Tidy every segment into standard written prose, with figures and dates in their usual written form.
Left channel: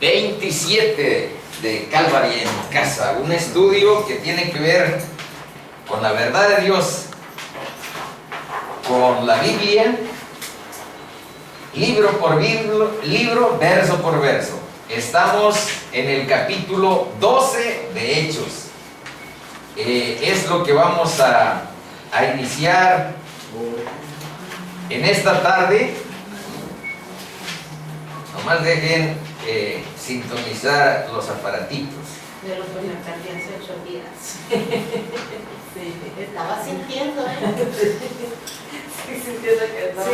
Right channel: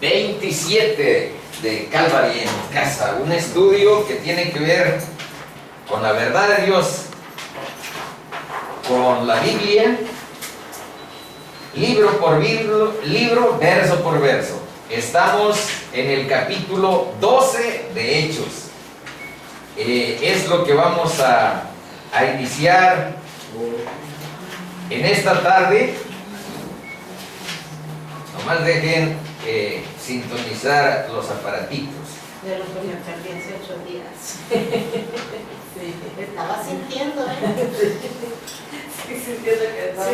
27 de Calvary en Casa, un estudio que tiene que ver con la verdad de Dios, con la Biblia, libro por libro, verso por verso. Estamos en el capítulo 12 de Hechos. Es lo que vamos a iniciar en esta tarde. Nomás dejen sintonizar los aparatitos. De los que me perdí hace 8 días. Sí, estaba sintiendo, Sí, sintiendo que estaba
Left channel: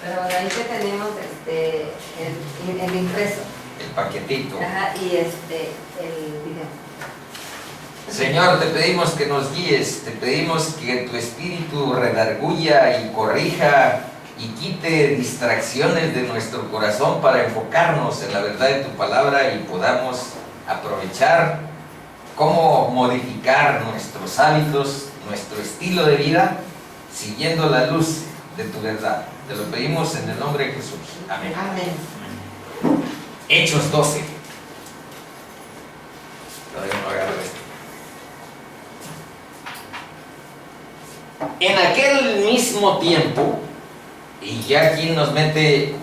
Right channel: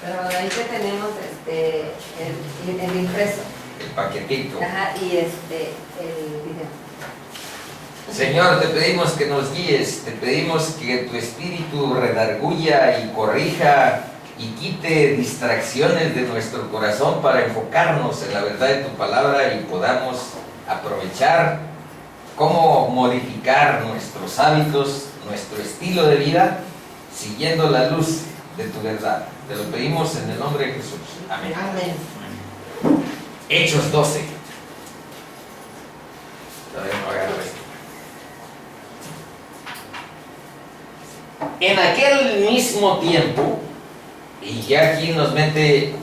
Pero ahí que tenemos el impreso. El paquetito. Ajá, y el video. Señor, te pedimos que nos guíes, te pedimos que tu espíritu redarguya y corrija y quite distracciones de nuestro corazón para enfocarnos en la verdad de tu palabra y podamos aprovechar cómo modificar nuestros hábitos, nuestro estilo de vida, siguiendo la luz de tu verdad. Te lo pedimos en el nombre de Jesús. Amén. Amén. Hechos 12. Todavía no agarro esto. En aquel mismo tiempo, y ya aquí nos mete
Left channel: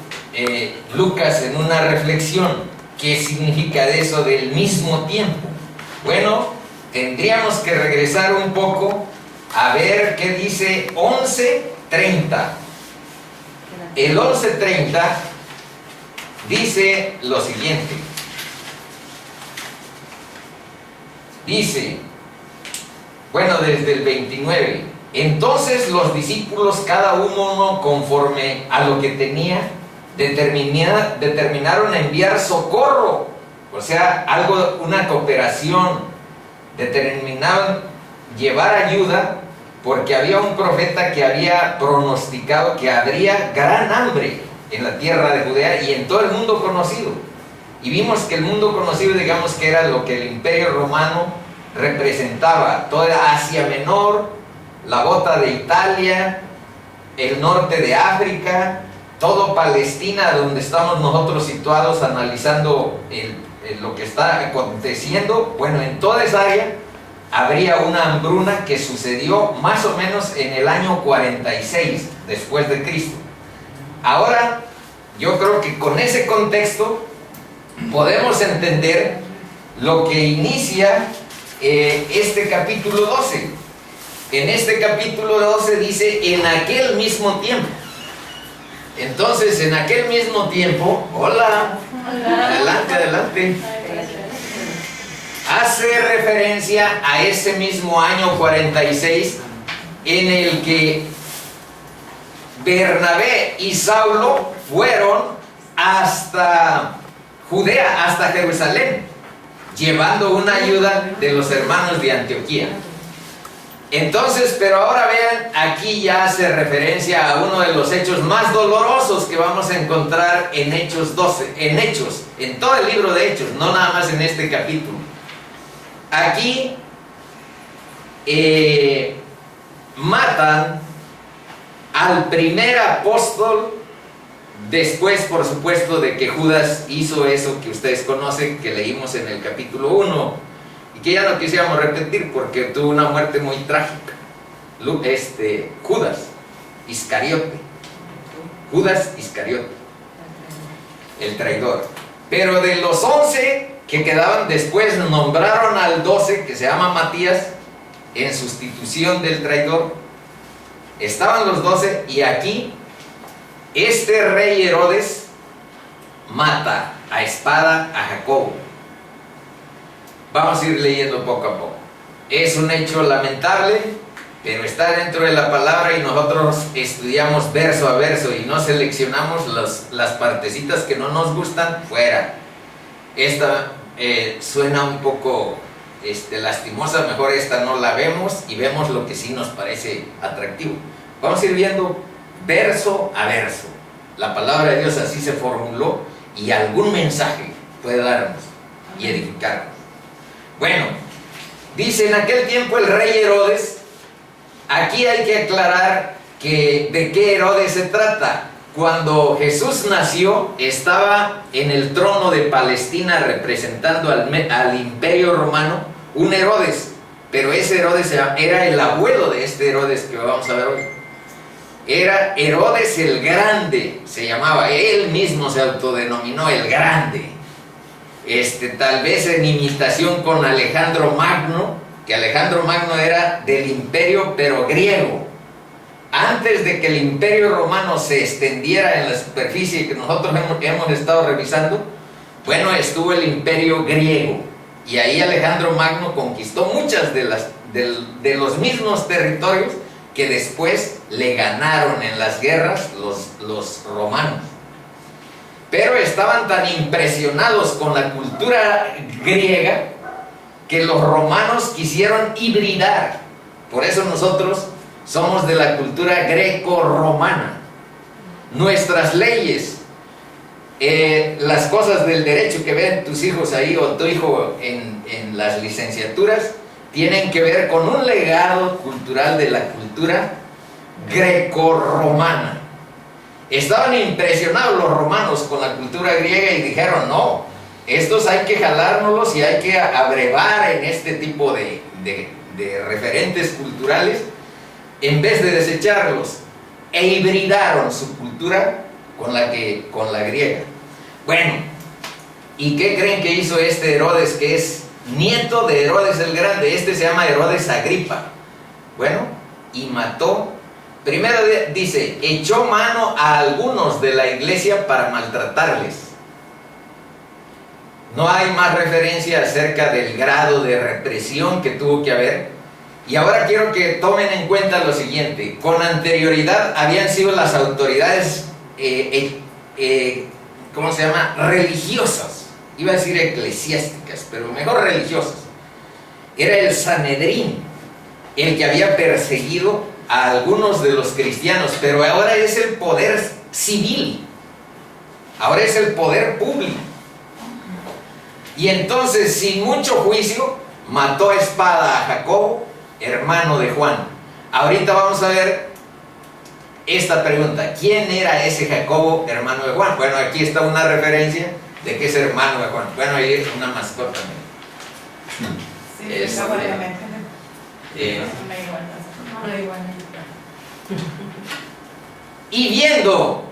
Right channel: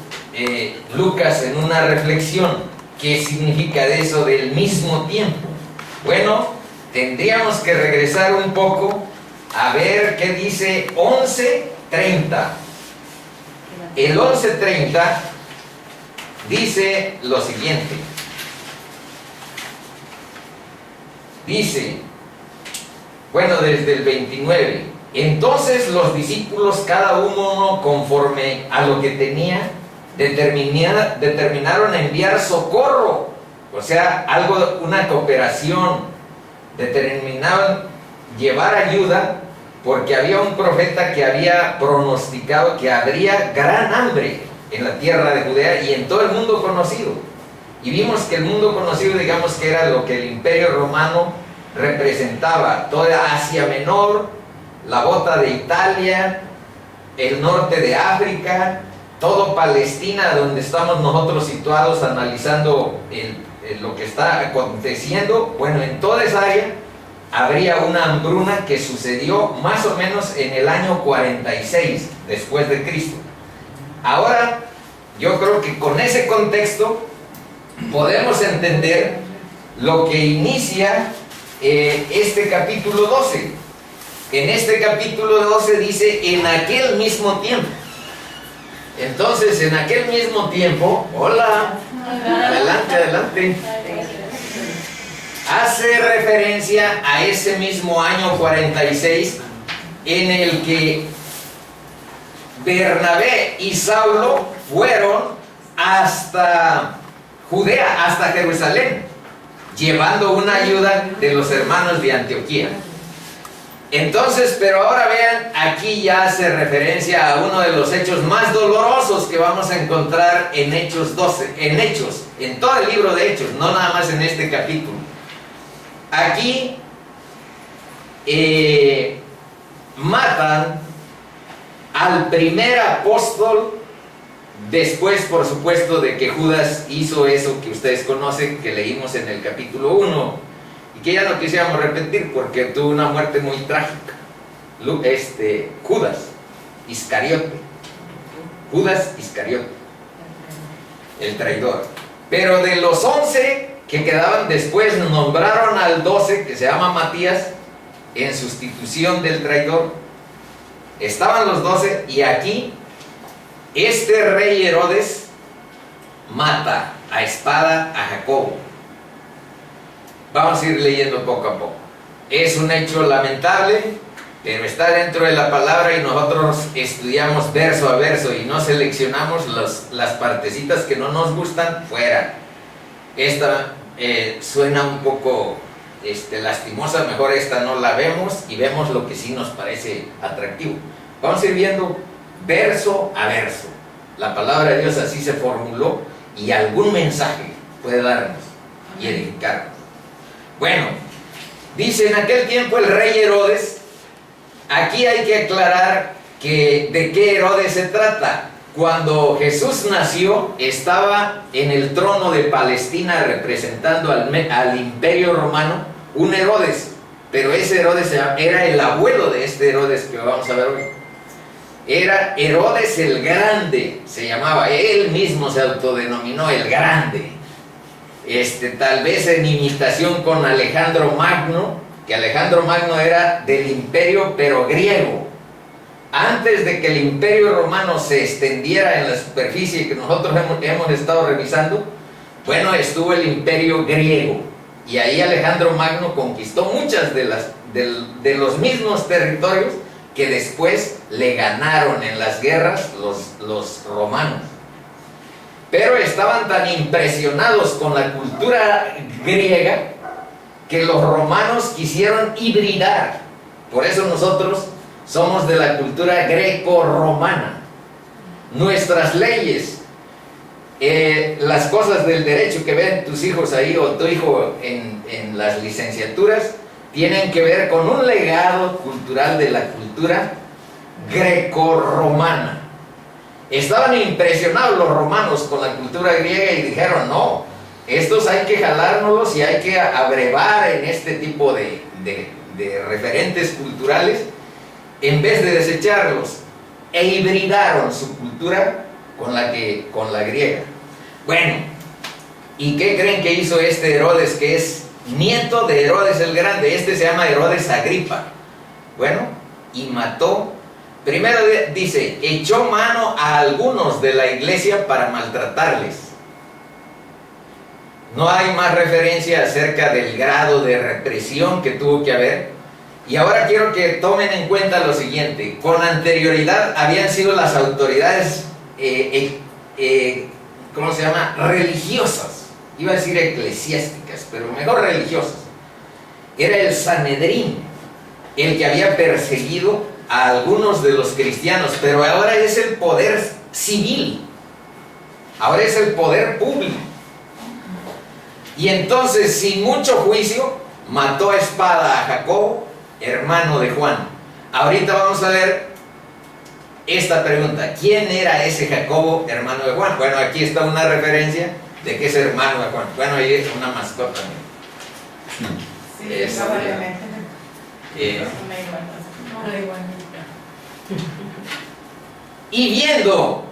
Lucas en una reflexión, ¿qué significa de eso del mismo tiempo? Bueno, tendríamos que regresar un poco a ver qué dice 11:30. El 11:30 dice lo siguiente. Dice, bueno, desde el 29. Entonces los discípulos, cada uno conforme a lo que tenía, determinaron enviar socorro, o sea, una cooperación. Determinaron llevar ayuda porque había un profeta que había pronosticado que habría gran hambre en la tierra de Judea y en todo el mundo conocido. Y vimos que el mundo conocido, digamos que era lo que el Imperio Romano representaba, toda Asia Menor, la bota de Italia, el norte de África, todo Palestina, donde estamos nosotros situados analizando lo que está aconteciendo. Bueno, en toda esa área habría una hambruna que sucedió más o menos en el año 46 después de Cristo. Ahora, yo creo que con ese contexto podemos entender lo que inicia este capítulo 12. En este capítulo 12 dice, en aquel mismo tiempo. Entonces, en aquel mismo tiempo, hola, adelante, adelante. Hace referencia a ese mismo año 46 en el que Bernabé y Saulo fueron hasta Judea, hasta Jerusalén, llevando una ayuda de los hermanos de Antioquía. Entonces, pero ahora vean, aquí ya hace referencia a uno de los hechos más dolorosos que vamos a encontrar en Hechos 12, en todo el libro de Hechos, no nada más en este capítulo. Aquí matan al primer apóstol, después, por supuesto, de que Judas hizo eso que ustedes conocen, que leímos en el capítulo 1. Que ya no quisiéramos repetir porque tuvo una muerte muy trágica. Judas Iscariote, el traidor. Pero de los 11 que quedaban después, nombraron al 12, que se llama Matías, en sustitución del traidor. Estaban los 12 y aquí este rey Herodes mata a espada a Jacobo. Vamos a ir leyendo poco a poco. Es un hecho lamentable, pero está dentro de la palabra y nosotros estudiamos verso a verso y no seleccionamos las partecitas que no nos gustan fuera. Esta suena un poco lastimosa, mejor esta no la vemos y vemos lo que sí nos parece atractivo. Vamos a ir viendo verso a verso. La palabra de Dios así se formuló y algún mensaje puede darnos y edificarnos. Bueno, dice, en aquel tiempo el rey Herodes, aquí hay que aclarar que de qué Herodes se trata. cuando Jesús nació, estaba en el trono de Palestina representando al imperio romano un Herodes, pero ese Herodes era el abuelo de este Herodes que vamos a ver hoy. Era Herodes el Grande, se llamaba, él mismo se autodenominó el Grande. Tal vez en imitación con Alejandro Magno, que Alejandro Magno era del imperio pero griego. Antes de que el imperio romano se extendiera en la superficie que nosotros hemos estado revisando, bueno, estuvo el imperio griego, y ahí Alejandro Magno conquistó muchas de los mismos territorios que después le ganaron en las guerras los romanos. Pero estaban tan impresionados con la cultura griega que los romanos quisieron hibridar. Por eso nosotros somos de la cultura greco-romana. Nuestras leyes, las cosas del derecho que ven tus hijos ahí o tu hijo en las licenciaturas, tienen que ver con un legado cultural de la cultura greco-romana. Estaban impresionados los romanos con la cultura griega y dijeron, no, estos hay que jalárnoslos y hay que abrevar en este tipo de referentes culturales en vez de desecharlos, e hibridaron su cultura con la griega. Bueno, ¿y qué creen que hizo este Herodes, que es nieto de Herodes el Grande? Se llama Herodes Agripa. Bueno, y mató. Primero dice, echó mano a algunos de la iglesia para maltratarles. No hay más referencia acerca del grado de represión que tuvo que haber. Y ahora quiero que tomen en cuenta lo siguiente. Con anterioridad habían sido las autoridades, ¿cómo se llama? Religiosas. Iba a decir eclesiásticas, pero mejor religiosas. Era el Sanedrín el que había perseguido a algunos de los cristianos, pero ahora es el poder civil, ahora es el poder público. Y entonces, sin mucho juicio, mató a espada a Jacobo, hermano de Juan. Ahorita vamos a ver esta pregunta: ¿quién era ese Jacobo, hermano de Juan? Bueno, aquí está una referencia de que es hermano de Juan. Bueno, ahí es una mascota. Sí, y viendo,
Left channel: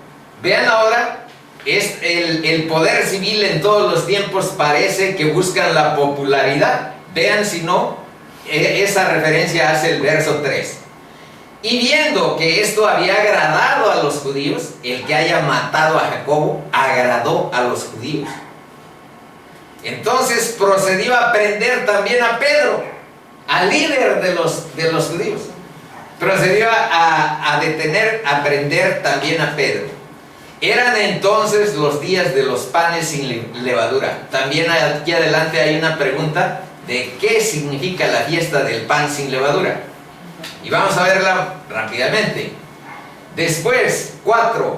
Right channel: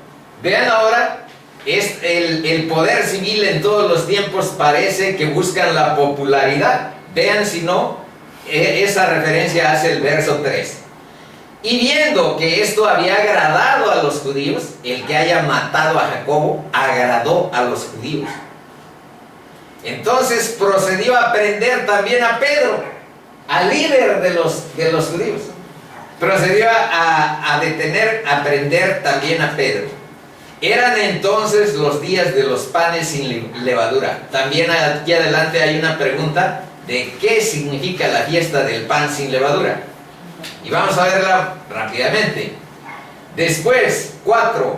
vean ahora, es el poder civil en todos los tiempos parece que buscan la popularidad. Vean si no, esa referencia hace el verso 3. Y viendo que esto había agradado a los judíos, el que haya matado a Jacobo agradó a los judíos. Entonces procedió a prender también a Pedro, al líder de los judíos. Procedió a detener, a prender también a Pedro. Eran entonces los días de los panes sin levadura. También aquí adelante hay una pregunta de qué significa la fiesta del pan sin levadura. Y vamos a verla rápidamente. Después, 4.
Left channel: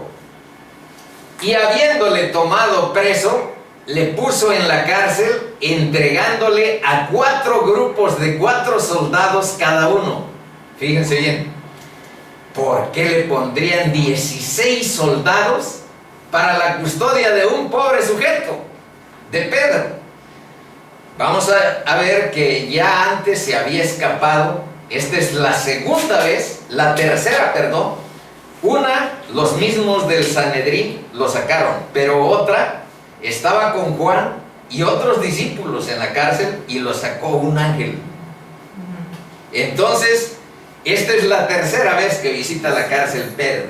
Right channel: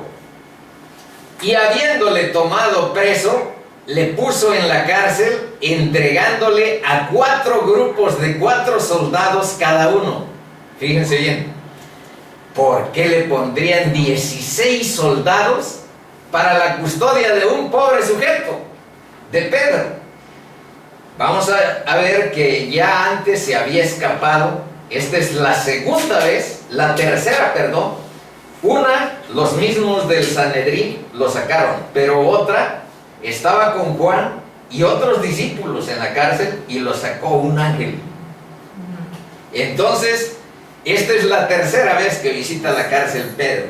Y habiéndole tomado preso, le puso en la cárcel, entregándole a 4 grupos de 4 soldados cada uno. Fíjense bien, ¿por qué le pondrían 16 soldados para la custodia de un pobre sujeto, de Pedro? Vamos a ver que ya antes se había escapado. Esta es la segunda vez, la tercera, perdón. Una, los mismos del Sanedrín lo sacaron, pero otra, estaba con Juan y otros discípulos en la cárcel y lo sacó un ángel. Entonces, esta es la tercera vez que visita la cárcel Pedro.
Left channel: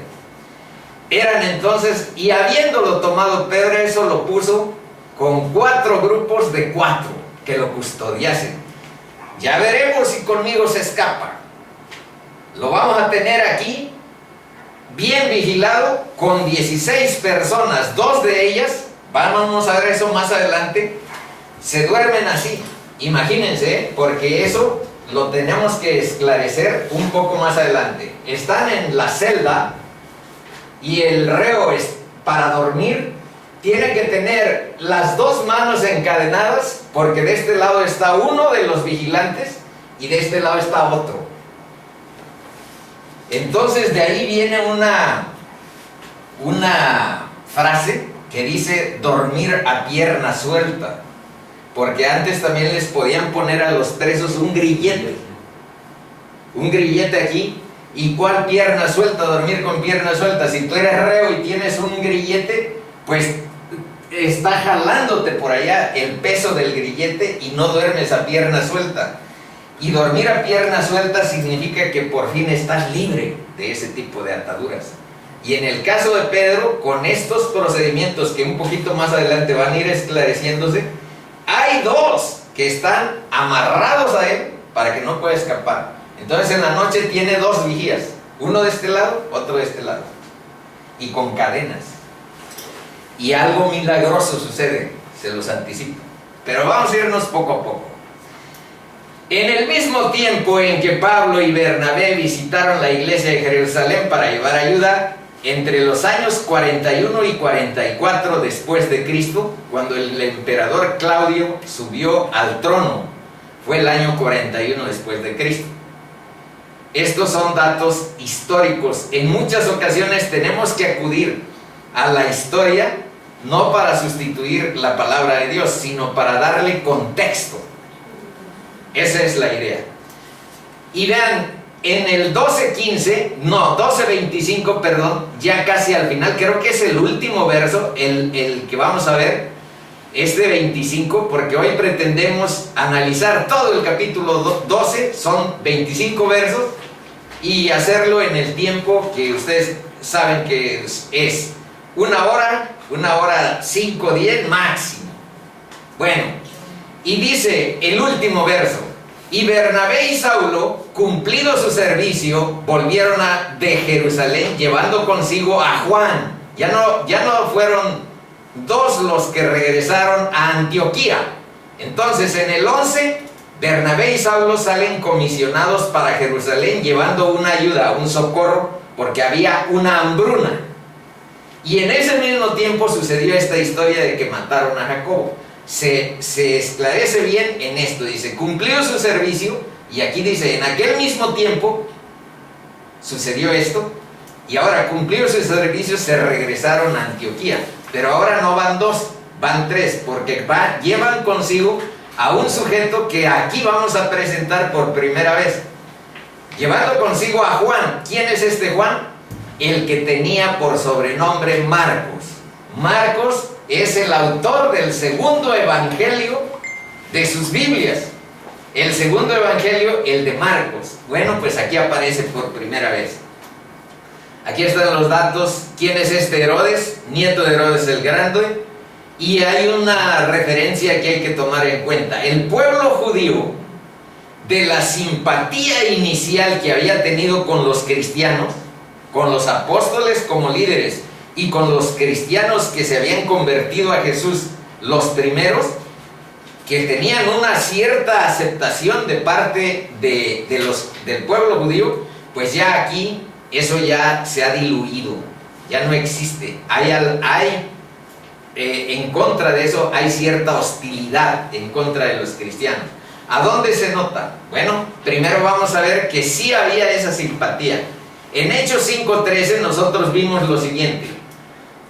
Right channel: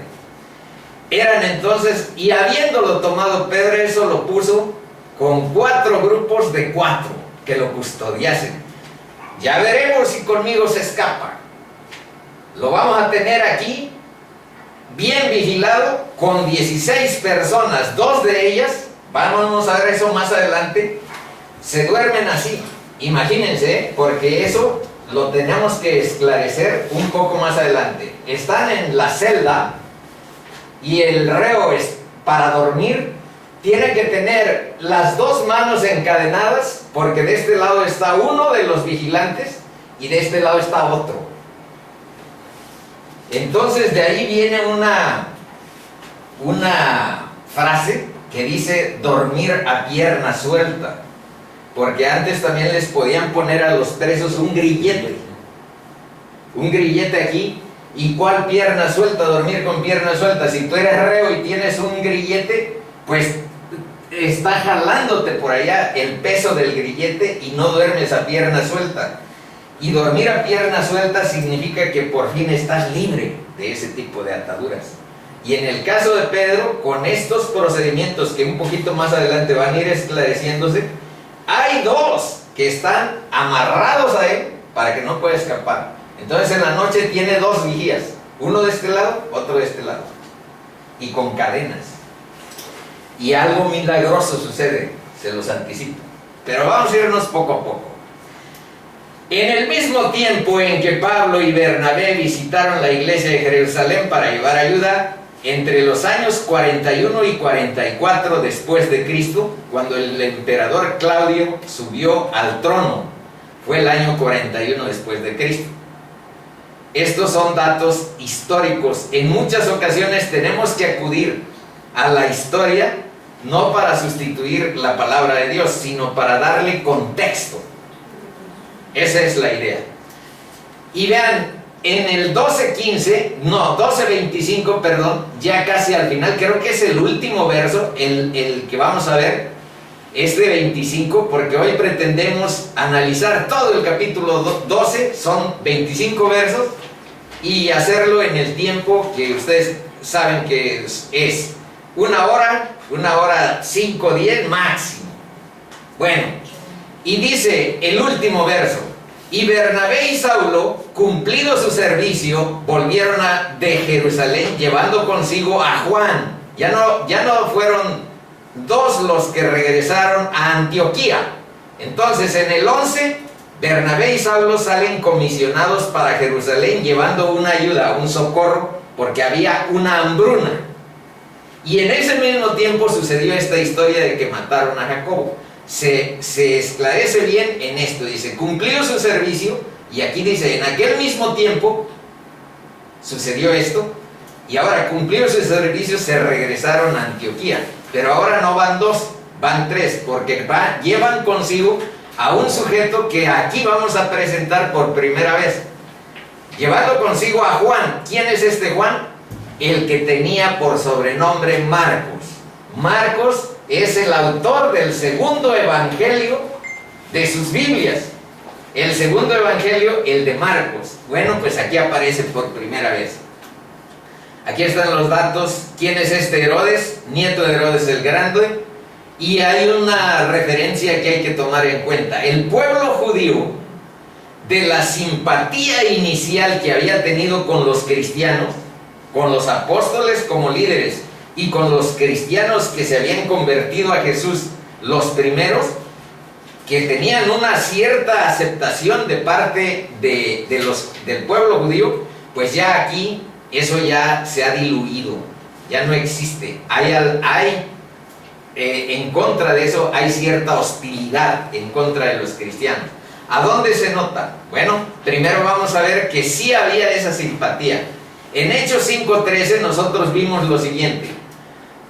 Eran entonces, y habiéndolo tomado Pedro, eso lo puso con 4 grupos de 4 que lo custodiasen. Ya veremos si conmigo se escapa. Lo vamos a tener aquí, bien vigilado, con 16 personas. 2 de ellas, vamos a ver eso más adelante, se duermen así. Imagínense, porque eso lo tenemos que esclarecer un poco más adelante. Están en la celda y el reo para dormir tiene que tener las 2 manos encadenadas, porque de este lado está uno de los vigilantes y de este lado está otro. Entonces de ahí viene una frase que dice dormir a pierna suelta, porque antes también les podían poner a los presos un grillete aquí. ¿Y cuál pierna suelta? Dormir con pierna suelta. Si tú eres reo y tienes un grillete, pues está jalándote por allá el peso del grillete y no duermes a pierna suelta. Y dormir a pierna suelta significa que por fin estás libre de ese tipo de ataduras. Y en el caso de Pedro, con estos procedimientos que un poquito más adelante van a ir esclareciéndose, hay dos que están amarrados a él para que no pueda escapar. Entonces en la noche tiene dos vigías, uno de este lado, otro de este lado, y con cadenas. Y algo milagroso sucede, se los anticipo. Pero vamos a irnos poco a poco. En el mismo tiempo en que Pablo y Bernabé visitaron la iglesia de Jerusalén para llevar ayuda, entre los años 41 y 44 después de Cristo, cuando el emperador Claudio subió al trono, fue el año 41 después de Cristo. Estos son datos históricos. En muchas ocasiones tenemos que acudir a la historia, no para sustituir la palabra de Dios, sino para darle contexto. Esa es la idea. Y vean, en el 12:25, perdón, ya casi al final, creo que es el último verso, el que vamos a ver, es de 25, porque hoy pretendemos analizar todo el capítulo 12, son 25 versos, y hacerlo en el tiempo que ustedes saben que es 1 hora 5, 10 máximo. Bueno, y dice el último verso: y Bernabé y Saulo, cumplido su servicio, volvieron de Jerusalén llevando consigo a Juan. Ya no fueron dos los que regresaron a Antioquía. Entonces en el 11, Bernabé y Saulo salen comisionados para Jerusalén llevando una ayuda, un socorro, porque había una hambruna. Y en ese mismo tiempo sucedió esta historia de que mataron a Jacobo. Se esclarece bien en esto, dice, cumplió su servicio, y aquí dice, en aquel mismo tiempo sucedió esto, y ahora cumplió su servicio, se regresaron a Antioquía. Pero ahora no van dos, van tres, porque llevan consigo a un sujeto que aquí vamos a presentar por primera vez, llevando consigo a Juan. ¿Quién es este Juan? El que tenía por sobrenombre Marcos. Marcos es el autor del segundo evangelio de sus Biblias. El segundo evangelio, el de Marcos. Bueno, pues aquí aparece por primera vez. Aquí están los datos. ¿Quién es este Herodes? Nieto de Herodes el Grande. Y hay una referencia que hay que tomar en cuenta. El pueblo judío, de la simpatía inicial que había tenido con los cristianos, con los apóstoles como líderes, y con los cristianos que se habían convertido a Jesús, los primeros, que tenían una cierta aceptación de parte del pueblo judío, pues ya aquí eso ya se ha diluido, ya no existe. En contra de eso hay cierta hostilidad en contra de los cristianos. ¿A dónde se nota? Bueno, primero vamos a ver que sí había esa simpatía. En Hechos 5:13 nosotros vimos lo siguiente:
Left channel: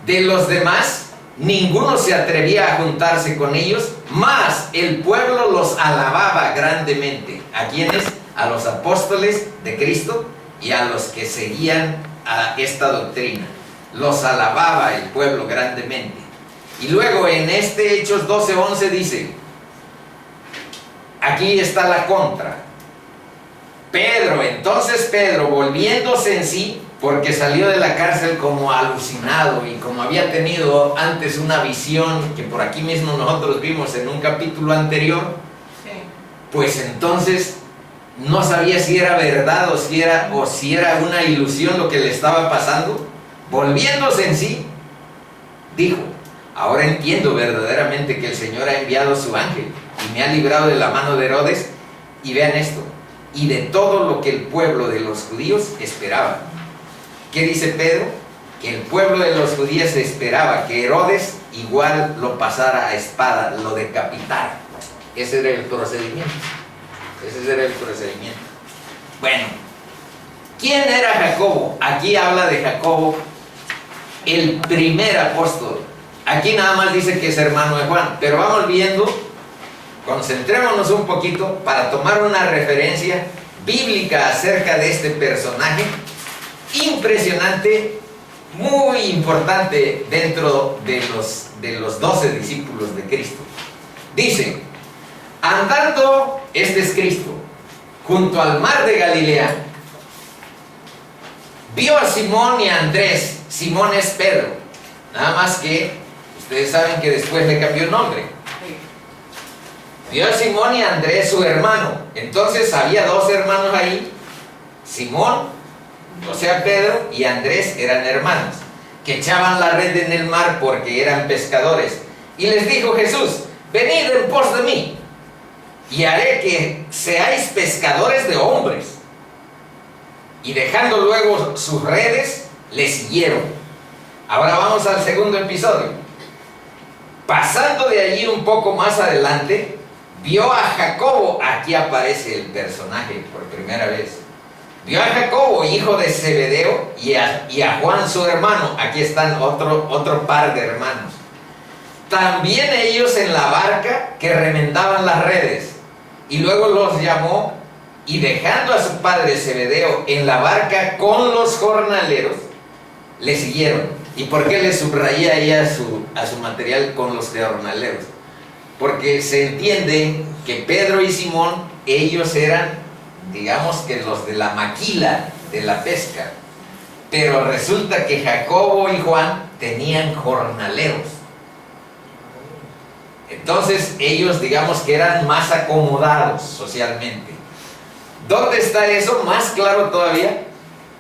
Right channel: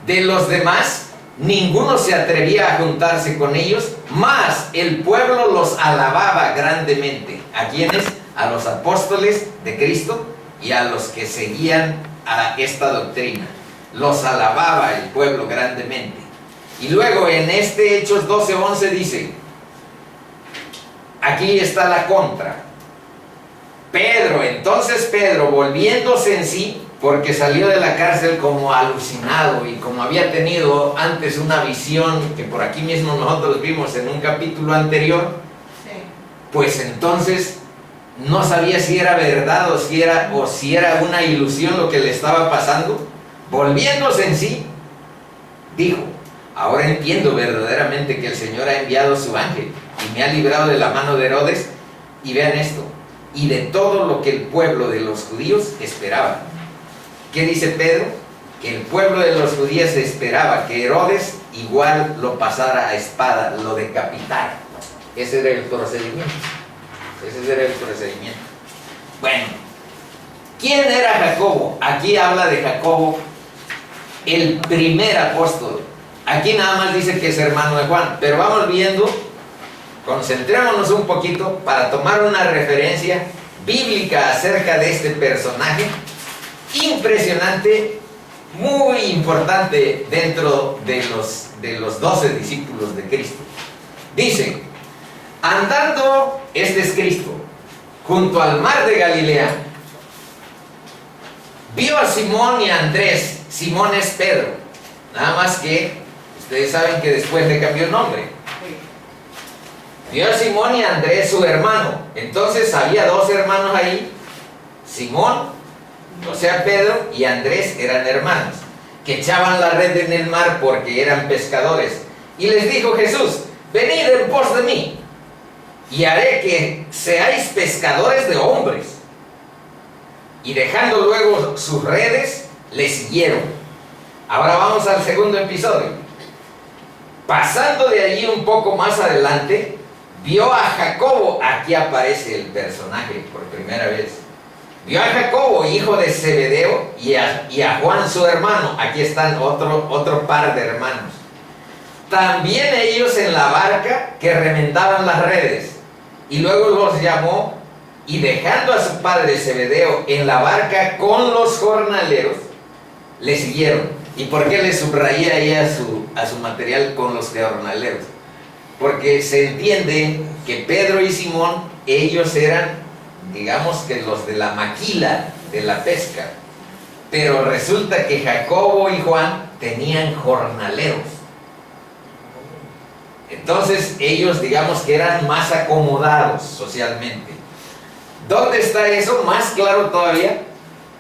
de los demás ninguno se atrevía a juntarse con ellos, mas el pueblo los alababa grandemente. ¿A quiénes? A los apóstoles de Cristo y a los que seguían a esta doctrina. Los alababa el pueblo grandemente. Y luego en este Hechos 12:11 dice, aquí está la contra. Entonces Pedro, volviéndose en sí, porque salió de la cárcel como alucinado y como había tenido antes una visión que por aquí mismo nosotros vimos en un capítulo anterior, pues entonces no sabía si era verdad o si era una ilusión lo que le estaba pasando. Volviéndose en sí, dijo, ahora entiendo verdaderamente que el Señor ha enviado su ángel y me ha librado de la mano de Herodes, y vean esto, y de todo lo que el pueblo de los judíos esperaba. ¿Qué dice Pedro? Que el pueblo de los judíos esperaba que Herodes igual lo pasara a espada, lo decapitara. Ese era el procedimiento. Bueno, ¿quién era Jacobo? Aquí habla de Jacobo el primer apóstol. Aquí nada más dice que es hermano de Juan, pero vamos viendo, concentrémonos un poquito para tomar una referencia bíblica acerca de este personaje impresionante, muy importante dentro de los 12 discípulos de Cristo. Dice: andando, este es Cristo, junto al mar de Galilea, vio a Simón y a Andrés. Simón es Pedro, nada más que ustedes saben que después le cambió el nombre. Vio a Simón y a Andrés, su hermano. Entonces había dos hermanos ahí. Simón, o sea Pedro, y Andrés eran hermanos, que echaban la red en el mar porque eran pescadores. Y les dijo Jesús: venid en pos de mí, y haré que seáis pescadores de hombres. Y dejando luego sus redes, le siguieron. Ahora vamos al segundo episodio. Pasando de allí un poco más adelante, vio a Jacobo. Aquí aparece el personaje por primera vez. Vio a Jacobo, hijo de Zebedeo, y a Juan su hermano. Aquí están otro par de hermanos. También ellos en la barca, que remendaban las redes. Y luego los llamó, y dejando a su padre Zebedeo en la barca con los jornaleros, le siguieron. ¿Y por qué le subrayé ahí a su material con los jornaleros? Porque se entiende que Pedro y Simón, ellos eran, digamos que los de la maquila de la pesca. Pero resulta que Jacobo y Juan tenían jornaleros. Entonces ellos, digamos que eran más acomodados socialmente. ¿Dónde está eso? Más claro todavía.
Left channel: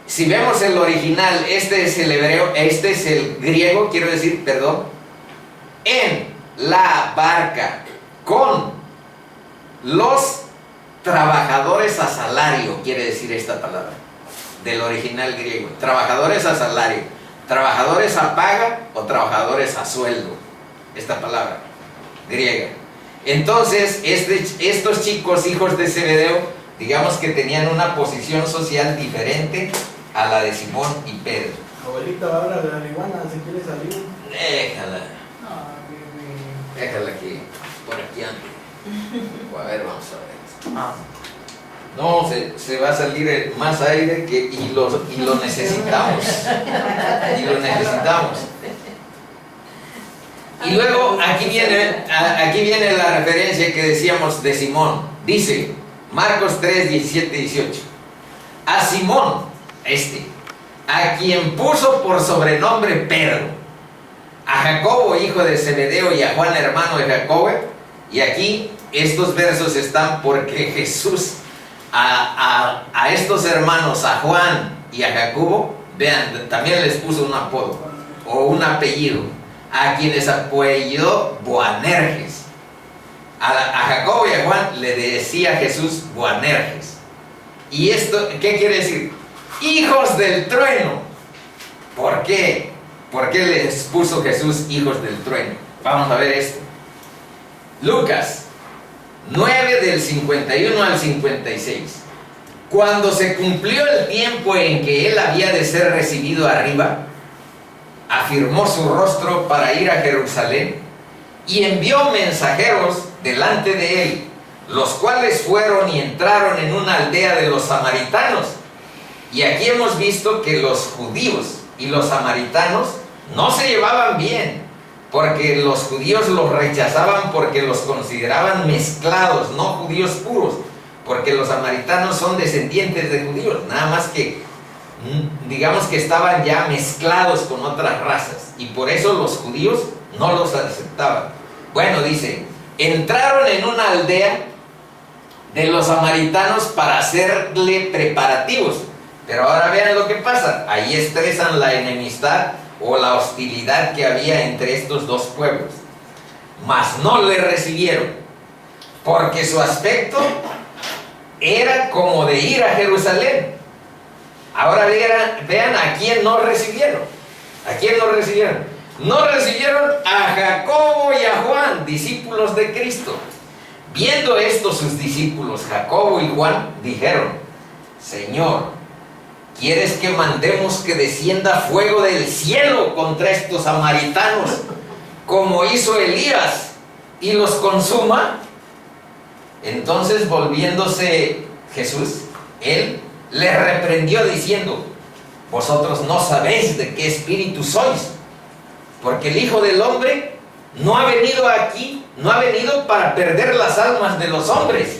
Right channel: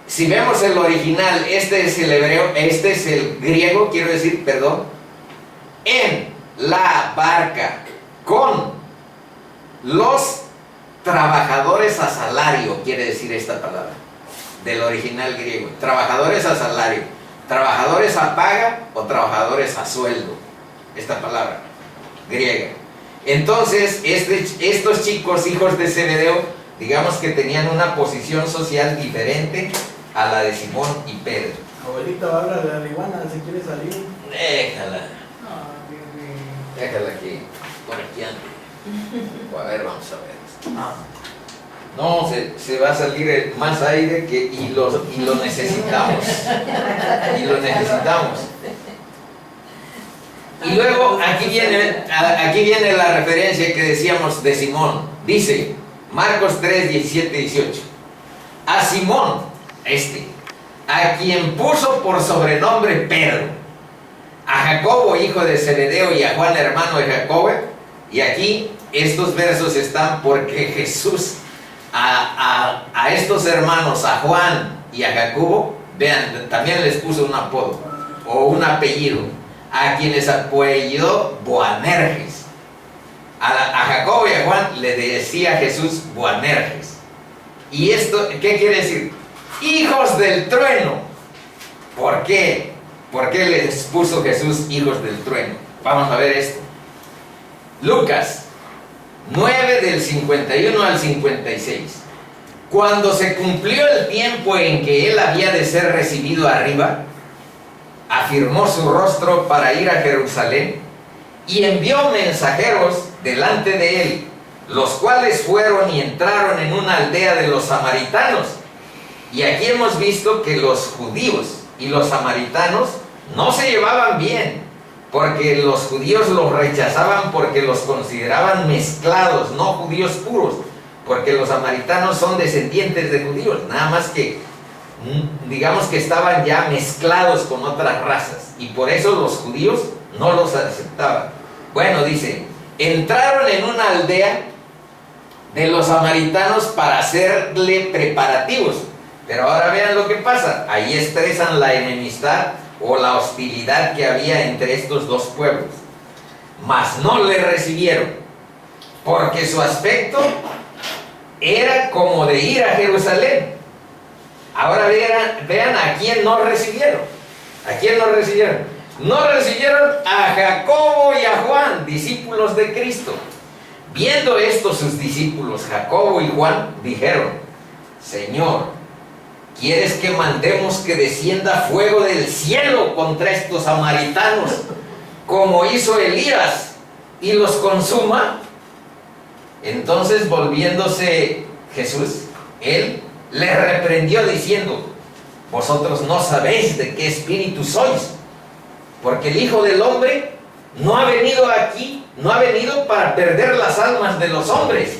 Si vemos el original, este es el hebreo, este es el griego, quiero decir, perdón. En la barca con los trabajadores a salario, quiere decir esta palabra, del original griego. Trabajadores a salario, trabajadores a paga o trabajadores a sueldo, esta palabra griega. Entonces, estos chicos, hijos de Zebedeo, digamos que tenían una posición social diferente a la de Simón y Pedro. Abuelita, habla de la iguana, ¿se quiere salir? Déjala. Déjala aquí, por aquí ande. A ver, vamos a ver. No, se va a salir más aire y lo necesitamos. Y lo necesitamos. Y luego aquí viene la referencia que decíamos de Simón. Dice Marcos 3, 17, 18. A Simón, a quien puso por sobrenombre Pedro, a Jacobo, hijo de Zebedeo, y a Juan, hermano de Jacobo. Y aquí estos versos están porque Jesús a estos hermanos, a Juan y a Jacobo, vean, también les puso un apodo o un apellido, a quienes apellidó Boanerges. A Jacobo y a Juan le decía Jesús Boanerges. ¿Y esto qué quiere decir? Hijos del trueno. ¿Por qué? ¿Por qué les puso Jesús hijos del trueno? Vamos a ver esto. Lucas 9 del 51 al 56. Cuando se cumplió el tiempo en que él había de ser recibido arriba, afirmó su rostro para ir a Jerusalén y envió mensajeros delante de él, los cuales fueron y entraron en una aldea de los samaritanos. Y aquí hemos visto que los judíos y los samaritanos no se llevaban bien, porque los judíos los rechazaban porque los consideraban mezclados, no judíos puros, porque los samaritanos son descendientes de judíos, nada más que digamos que estaban ya mezclados con otras razas, y por eso los judíos no los aceptaban. Bueno, dice, entraron en una aldea de los samaritanos para hacerle preparativos. Pero ahora vean lo que pasa. Ahí expresan la enemistad o la hostilidad que había entre estos dos pueblos. Mas no le recibieron, porque su aspecto era como de ir a Jerusalén. Ahora vean a quién no recibieron. ¿A quién no recibieron? No recibieron a Jacobo y a Juan, discípulos de Cristo. Viendo esto sus discípulos, Jacobo y Juan, dijeron: Señor, ¿quieres que mandemos que descienda fuego del cielo contra estos samaritanos, como hizo Elías, y los consuma? Entonces, volviéndose Jesús, él le reprendió diciendo: vosotros no sabéis de qué espíritu sois, porque el Hijo del Hombre no ha venido aquí, no ha venido para perder las almas de los hombres,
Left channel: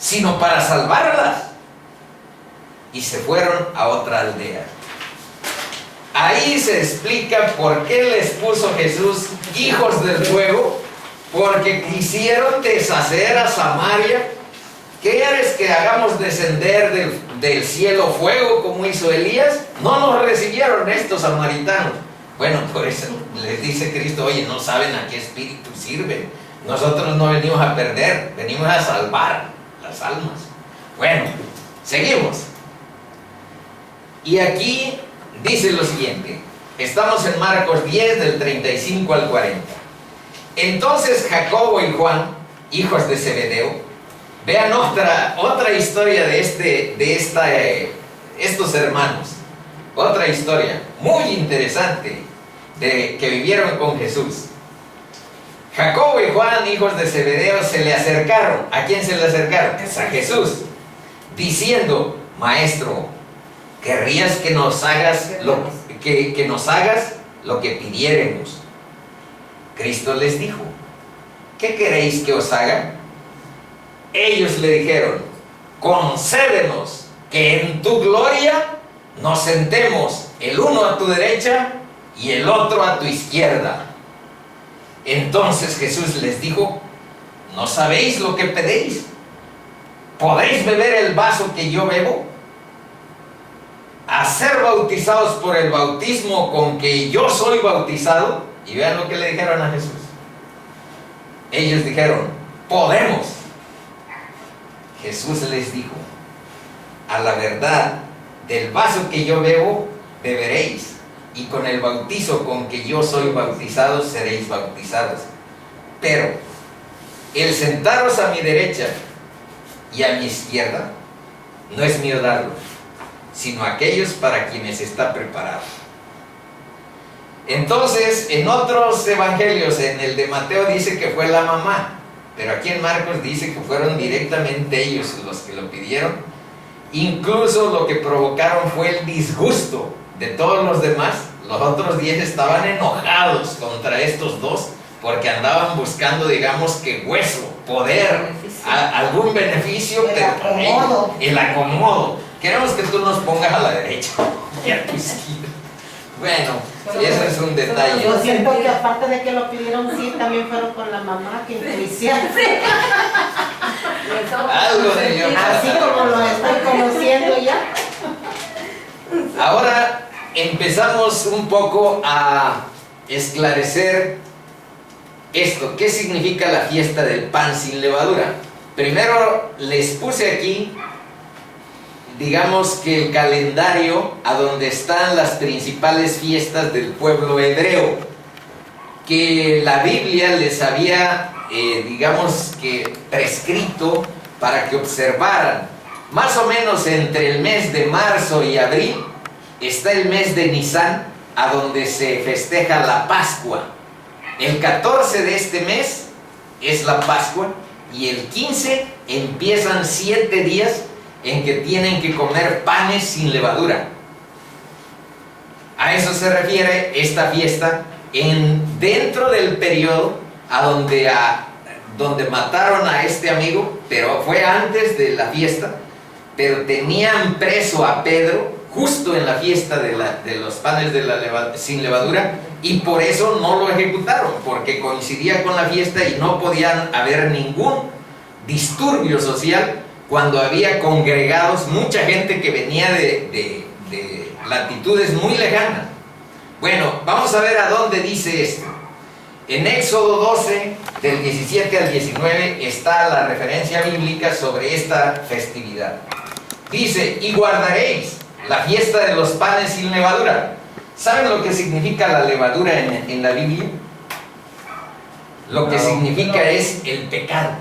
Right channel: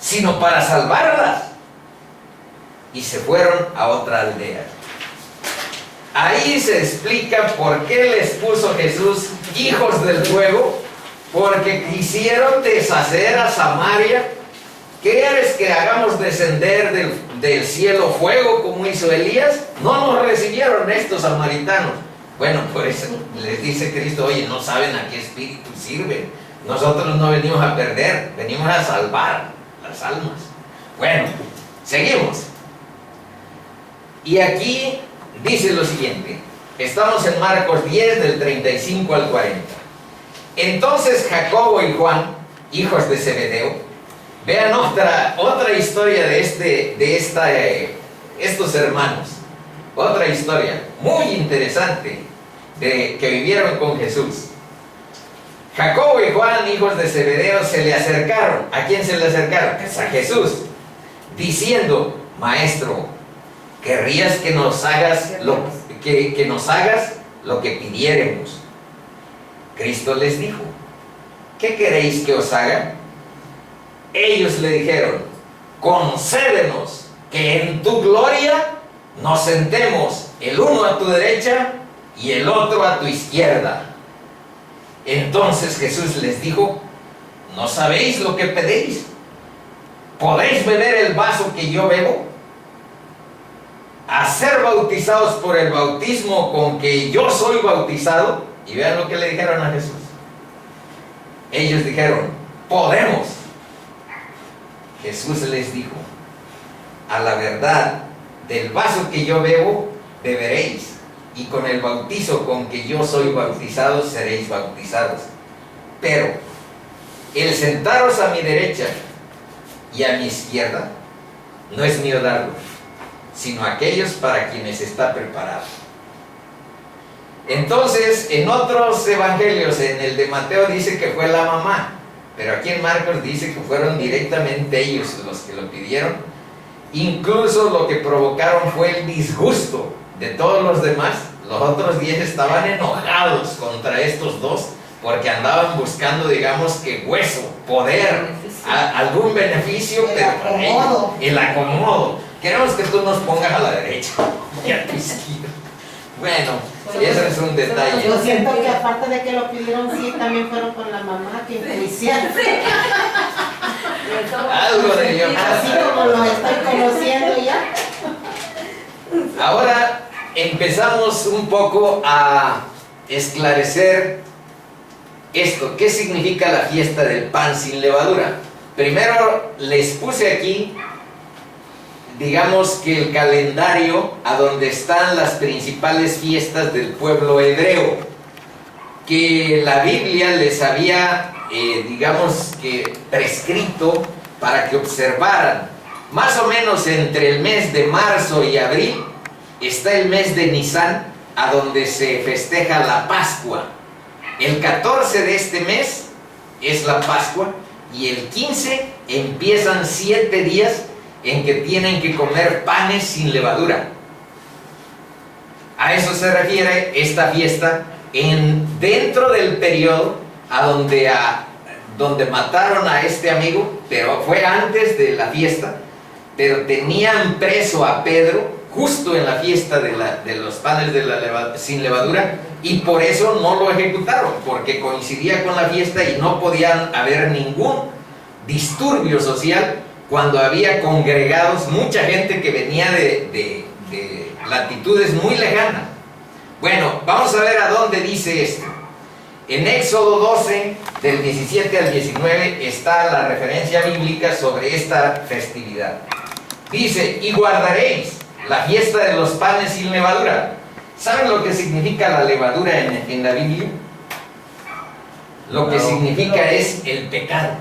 sino para salvarlas. Y se fueron a otra aldea. Ahí se explica por qué les puso Jesús hijos del fuego, porque quisieron deshacer a Samaria. ¿Quieres que hagamos descender del cielo fuego como hizo Elías? No nos recibieron estos samaritanos. Bueno, por eso les dice Cristo: oye, no saben a qué espíritu sirven. Nosotros no venimos a perder, venimos a salvar las almas. Bueno, seguimos. Y aquí dice lo siguiente. Estamos en Marcos 10, del 35 al 40. Entonces Jacobo y Juan, hijos de Zebedeo, vean otra historia de estos hermanos. Otra historia muy interesante que vivieron con Jesús. Jacobo y Juan, hijos de Zebedeo, se le acercaron. ¿A quién se le acercaron? Pues a Jesús, diciendo: Maestro, ¿querrías que nos hagas lo que pidiéremos? Cristo les dijo: ¿qué queréis que os haga? Ellos le dijeron: concédenos que en tu gloria nos sentemos, el uno a tu derecha y el otro a tu izquierda. Entonces Jesús les dijo: ¿no sabéis lo que pedís? ¿Podéis beber el vaso que yo bebo? ¿A ser bautizados por el bautismo con que yo soy bautizado? Y vean lo que le dijeron a Jesús. Ellos dijeron: podemos. Jesús les dijo: a la verdad, del vaso que yo bebo, beberéis, y con el bautizo con que yo soy bautizado, seréis bautizados. Pero el sentaros a mi derecha y a mi izquierda, no es mío darlo, sino aquellos para quienes está preparado. Entonces, en otros evangelios, en el de Mateo dice que fue la mamá, pero aquí en Marcos dice que fueron directamente ellos los que lo pidieron. Incluso lo que provocaron fue el disgusto de todos los demás. Los otros 10 estaban enojados contra estos dos, porque andaban buscando, digamos que hueso, poder, algún beneficio, pero el acomodo. Queremos que tú nos pongas a la derecha y a tu izquierda. Bueno, eso es un detalle. Yo siento que aparte de que lo pidieron, sí, también fueron con la mamá que iniciaron. Algo de Dios. Así como lo estoy conociendo ya. Ahora empezamos un poco a esclarecer esto. ¿Qué significa la fiesta del pan sin levadura? Primero les puse aquí, digamos que el calendario a donde están las principales fiestas del pueblo hebreo, que la Biblia les había, digamos que prescrito para que observaran. Más o menos entre el mes de marzo y abril está el mes de Nisan, a donde se festeja la Pascua. El 14 de este mes es la Pascua, y el 15 empiezan 7 días en que tienen que comer panes sin levadura. A eso se refiere esta fiesta, dentro del periodo donde mataron a este amigo, pero fue antes de la fiesta, pero tenían preso a Pedro justo en la fiesta de los panes sin levadura, y por eso no lo ejecutaron, porque coincidía con la fiesta y no podían haber ningún disturbio social cuando había congregados mucha gente que venía de latitudes muy lejanas. Bueno, vamos a ver a dónde dice esto. En Éxodo 12, del 17 al 19, está la referencia bíblica sobre esta festividad. Dice: y guardaréis la fiesta de los panes sin levadura. ¿Saben lo que significa la levadura en la Biblia? Lo que significa es el pecado.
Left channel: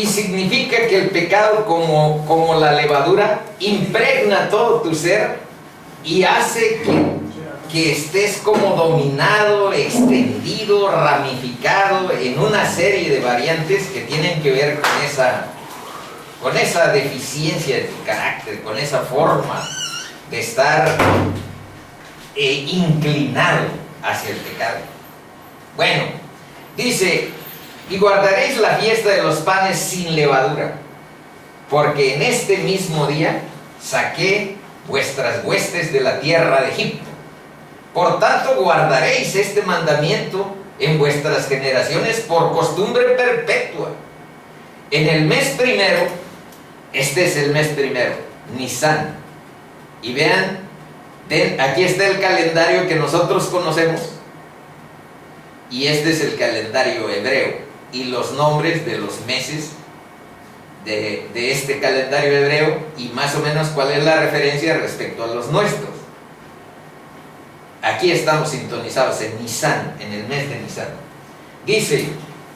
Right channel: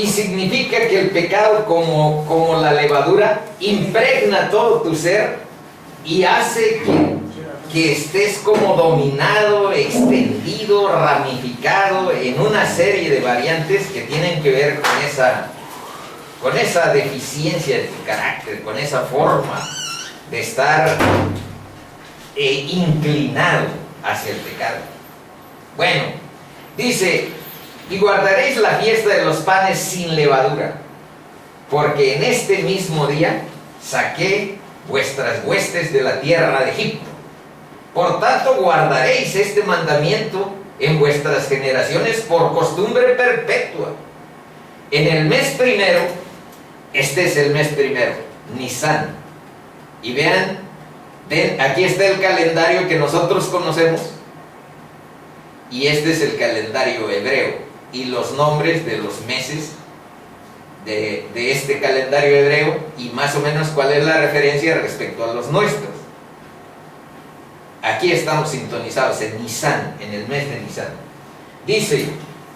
Y significa que el pecado, como la levadura, impregna todo tu ser y hace que estés como dominado, extendido, ramificado en una serie de variantes que tienen que ver con esa deficiencia de tu carácter, con esa forma de estar inclinado hacia el pecado. Bueno, dice: y guardaréis la fiesta de los panes sin levadura, porque en este mismo día saqué vuestras huestes de la tierra de Egipto. Por tanto, guardaréis este mandamiento en vuestras generaciones por costumbre perpetua. En el mes primero, este es el mes primero, Nisan. Y vean, aquí está el calendario que nosotros conocemos, y este es el calendario hebreo. Y los nombres de los meses de este calendario hebreo, y más o menos cuál es la referencia respecto a los nuestros. Aquí estamos sintonizados en Nisan, en el mes de Nisan. Dice:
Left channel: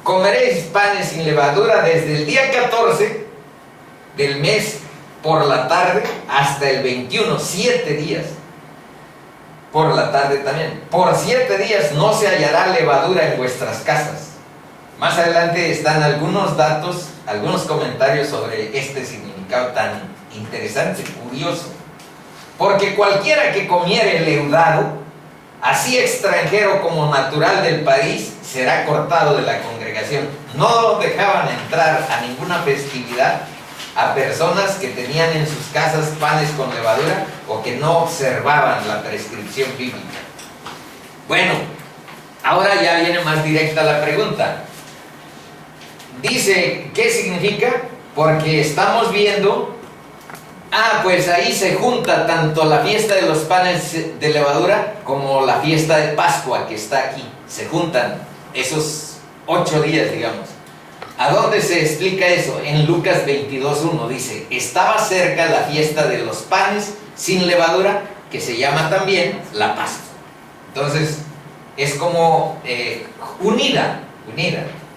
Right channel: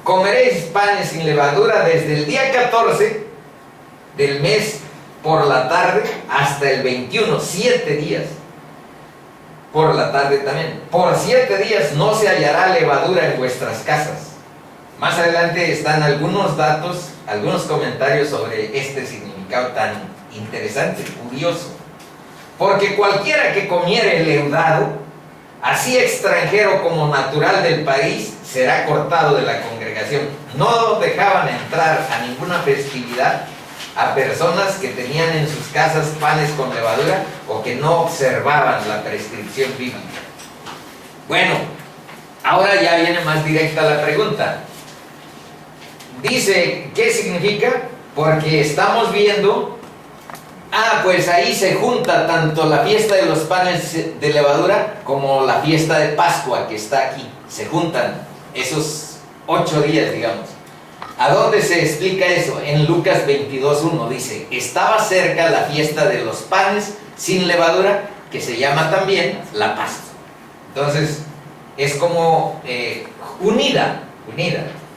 comeréis panes sin levadura desde el día 14 del mes por la tarde hasta el 21, 7 días. Por la tarde también. Por 7 días no se hallará levadura en vuestras casas. Más adelante están algunos datos, algunos comentarios sobre este significado tan interesante, curioso. Porque cualquiera que comiere leudado, así extranjero como natural del país, será cortado de la congregación. No dejaban entrar a ninguna festividad a personas que tenían en sus casas panes con levadura o que no observaban la prescripción bíblica. Bueno, ahora ya viene más directa la pregunta. Dice, ¿qué significa? Porque estamos viendo, pues ahí se junta tanto la fiesta de los panes de levadura como la fiesta de Pascua que está aquí. Se juntan esos 8 días, digamos. ¿A dónde se explica eso? En Lucas 22:1 dice: estaba cerca la fiesta de los panes sin levadura, que se llama también la Pascua. Entonces, es como unida,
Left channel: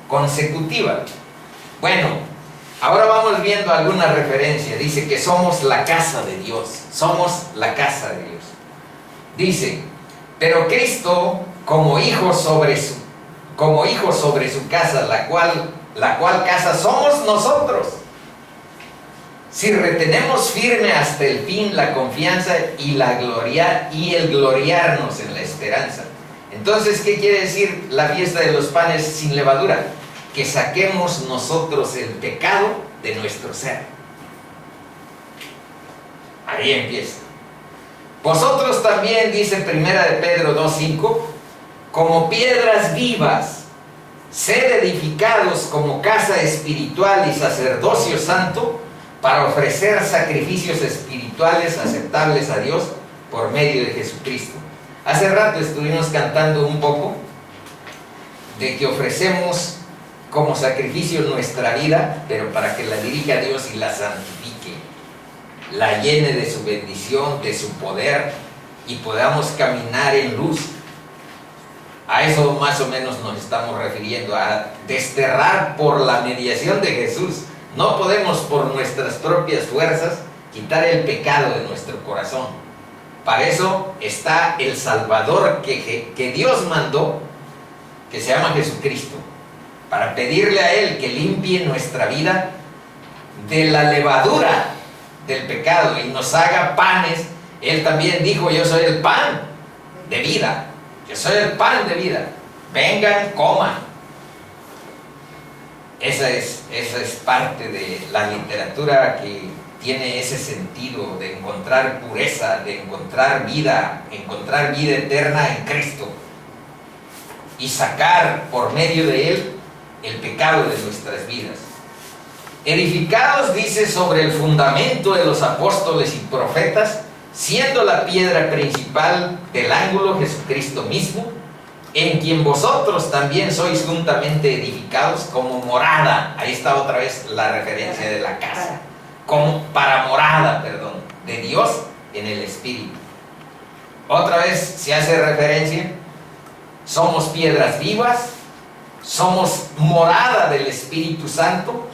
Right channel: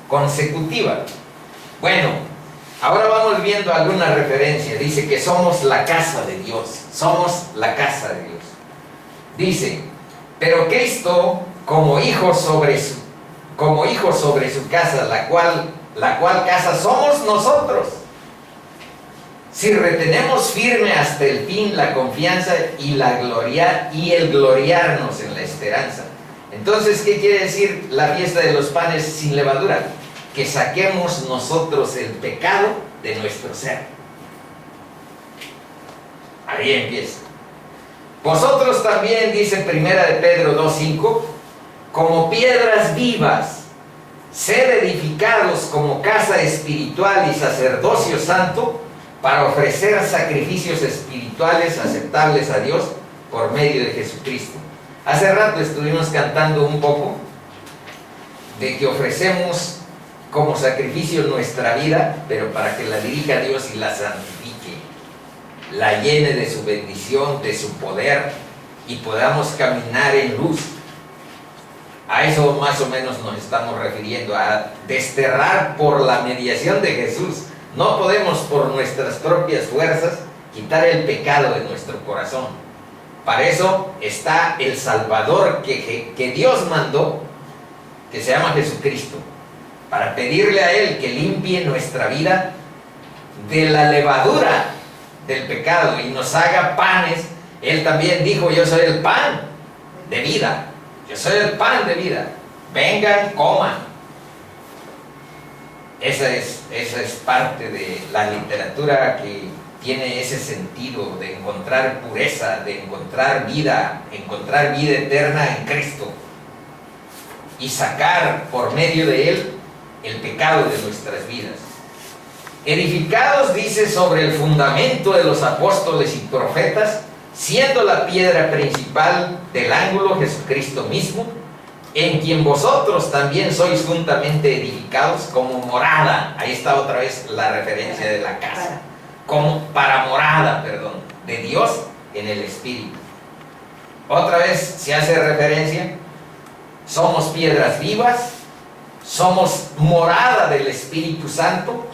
consecutiva. Bueno, ahora vamos viendo alguna referencia. Dice que somos la casa de Dios. Somos la casa de Dios. Dice: pero Cristo, como hijo sobre su casa, la cual casa somos nosotros, si retenemos firme hasta el fin la confianza y el gloriarnos en la esperanza. Entonces, ¿qué quiere decir la fiesta de los panes sin levadura? Que saquemos nosotros el pecado de nuestro ser. Ahí empieza. Vosotros también, dice 1 de Pedro 2:5, como piedras vivas, sed edificados como casa espiritual y sacerdocio santo, para ofrecer sacrificios espirituales aceptables a Dios por medio de Jesucristo. Hace rato estuvimos cantando un poco de que ofrecemos como sacrificio nuestra vida, pero para que la dirija a Dios y la santifique, la llene de su bendición, de su poder, y podamos caminar en luz. A eso más o menos nos estamos refiriendo, a desterrar por la mediación de Jesús. No podemos por nuestras propias fuerzas quitar el pecado de nuestro corazón. Para eso está el Salvador que Dios mandó, que se llama Jesucristo, para pedirle a Él que limpie nuestra vida de la levadura del pecado y nos haga panes. Él también dijo: yo soy el pan de vida. Yo soy el pan de vida. Vengan, coman. Esa es parte de la literatura que tiene ese sentido de encontrar pureza, de encontrar vida eterna en Cristo y sacar por medio de Él el pecado de nuestras vidas. Edificados, dice, sobre el fundamento de los apóstoles y profetas, siendo la piedra principal del ángulo Jesucristo mismo, en quien vosotros también sois juntamente edificados como morada. Ahí está otra vez la referencia de la casa, como para morada, de Dios en el Espíritu. Otra vez se hace referencia: somos piedras vivas, somos morada del Espíritu Santo,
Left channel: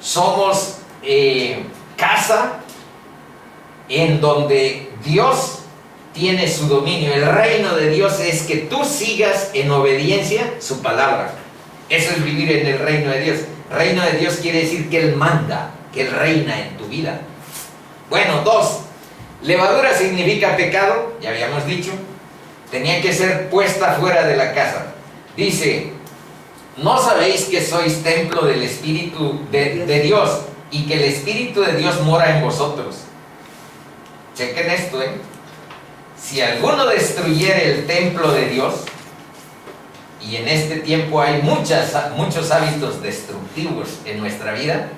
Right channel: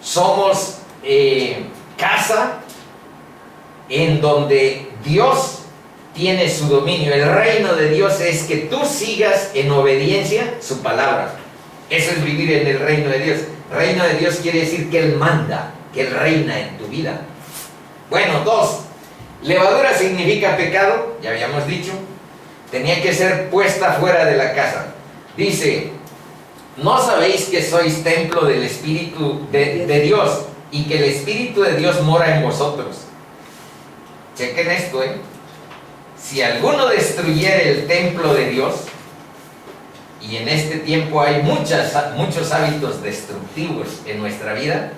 somos casa en donde Dios tiene su dominio. El reino de Dios es que tú sigas en obediencia su palabra. Eso es vivir en el reino de Dios. Reino de Dios quiere decir que Él manda, que Él reina en tu vida. Bueno, 2. Levadura significa pecado, ya habíamos dicho. Tenía que ser puesta fuera de la casa. Dice, ¿no sabéis que sois templo del Espíritu de Dios y que el Espíritu de Dios mora en vosotros? Chequen esto, Si alguno destruyere el templo de Dios, y en este tiempo hay muchos hábitos destructivos en nuestra vida:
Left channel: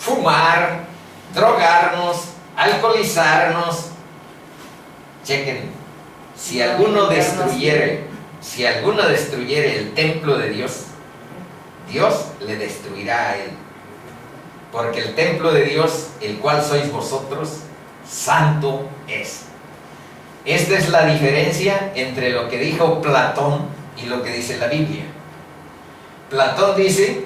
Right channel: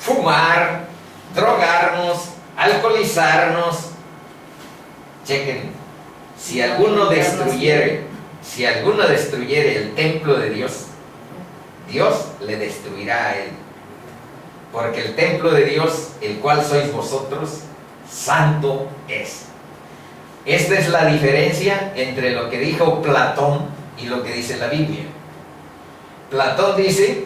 fumar, drogarnos, alcoholizarnos. Chequen, si alguno destruyere el templo de Dios, Dios le destruirá a él. Porque el templo de Dios, el cual sois vosotros, santo es. Esta es la diferencia entre lo que dijo Platón y lo que dice la Biblia. Platón dice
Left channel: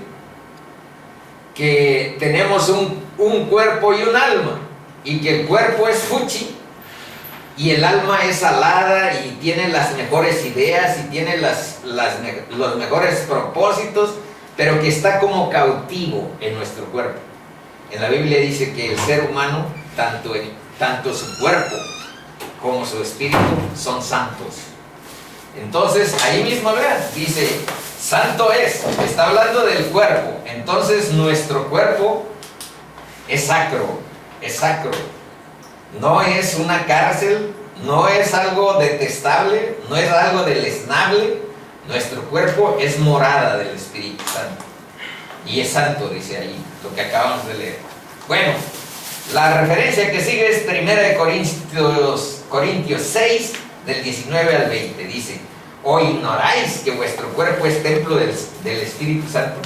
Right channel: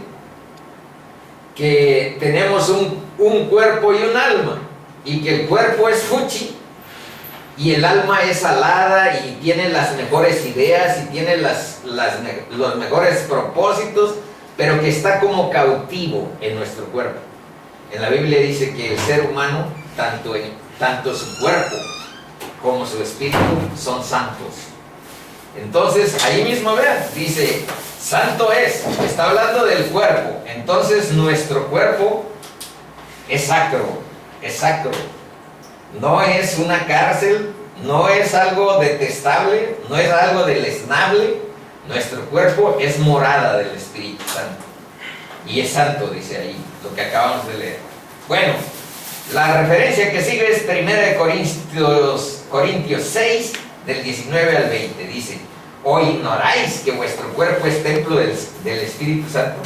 que tenemos un cuerpo y un alma, y que el cuerpo es fuchi y el alma es alada y tiene las mejores ideas y tiene los mejores propósitos, pero que está como cautivo en nuestro cuerpo. En la Biblia dice que el ser humano, tanto su cuerpo como su espíritu, son santos. Entonces, ahí mismo vean, dice, santo es, está hablando del cuerpo. Entonces, nuestro cuerpo es sacro, es sacro. No es una cárcel, no es algo detestable, no es algo deleznable. Nuestro cuerpo es morada del Espíritu Santo. Y es santo, dice ahí, lo que acabamos de leer. Bueno, la referencia que sigue es 1 Corintios 6, del 19 al 20. Dice, ¿o ignoráis que vuestro cuerpo es templo del Espíritu Santo,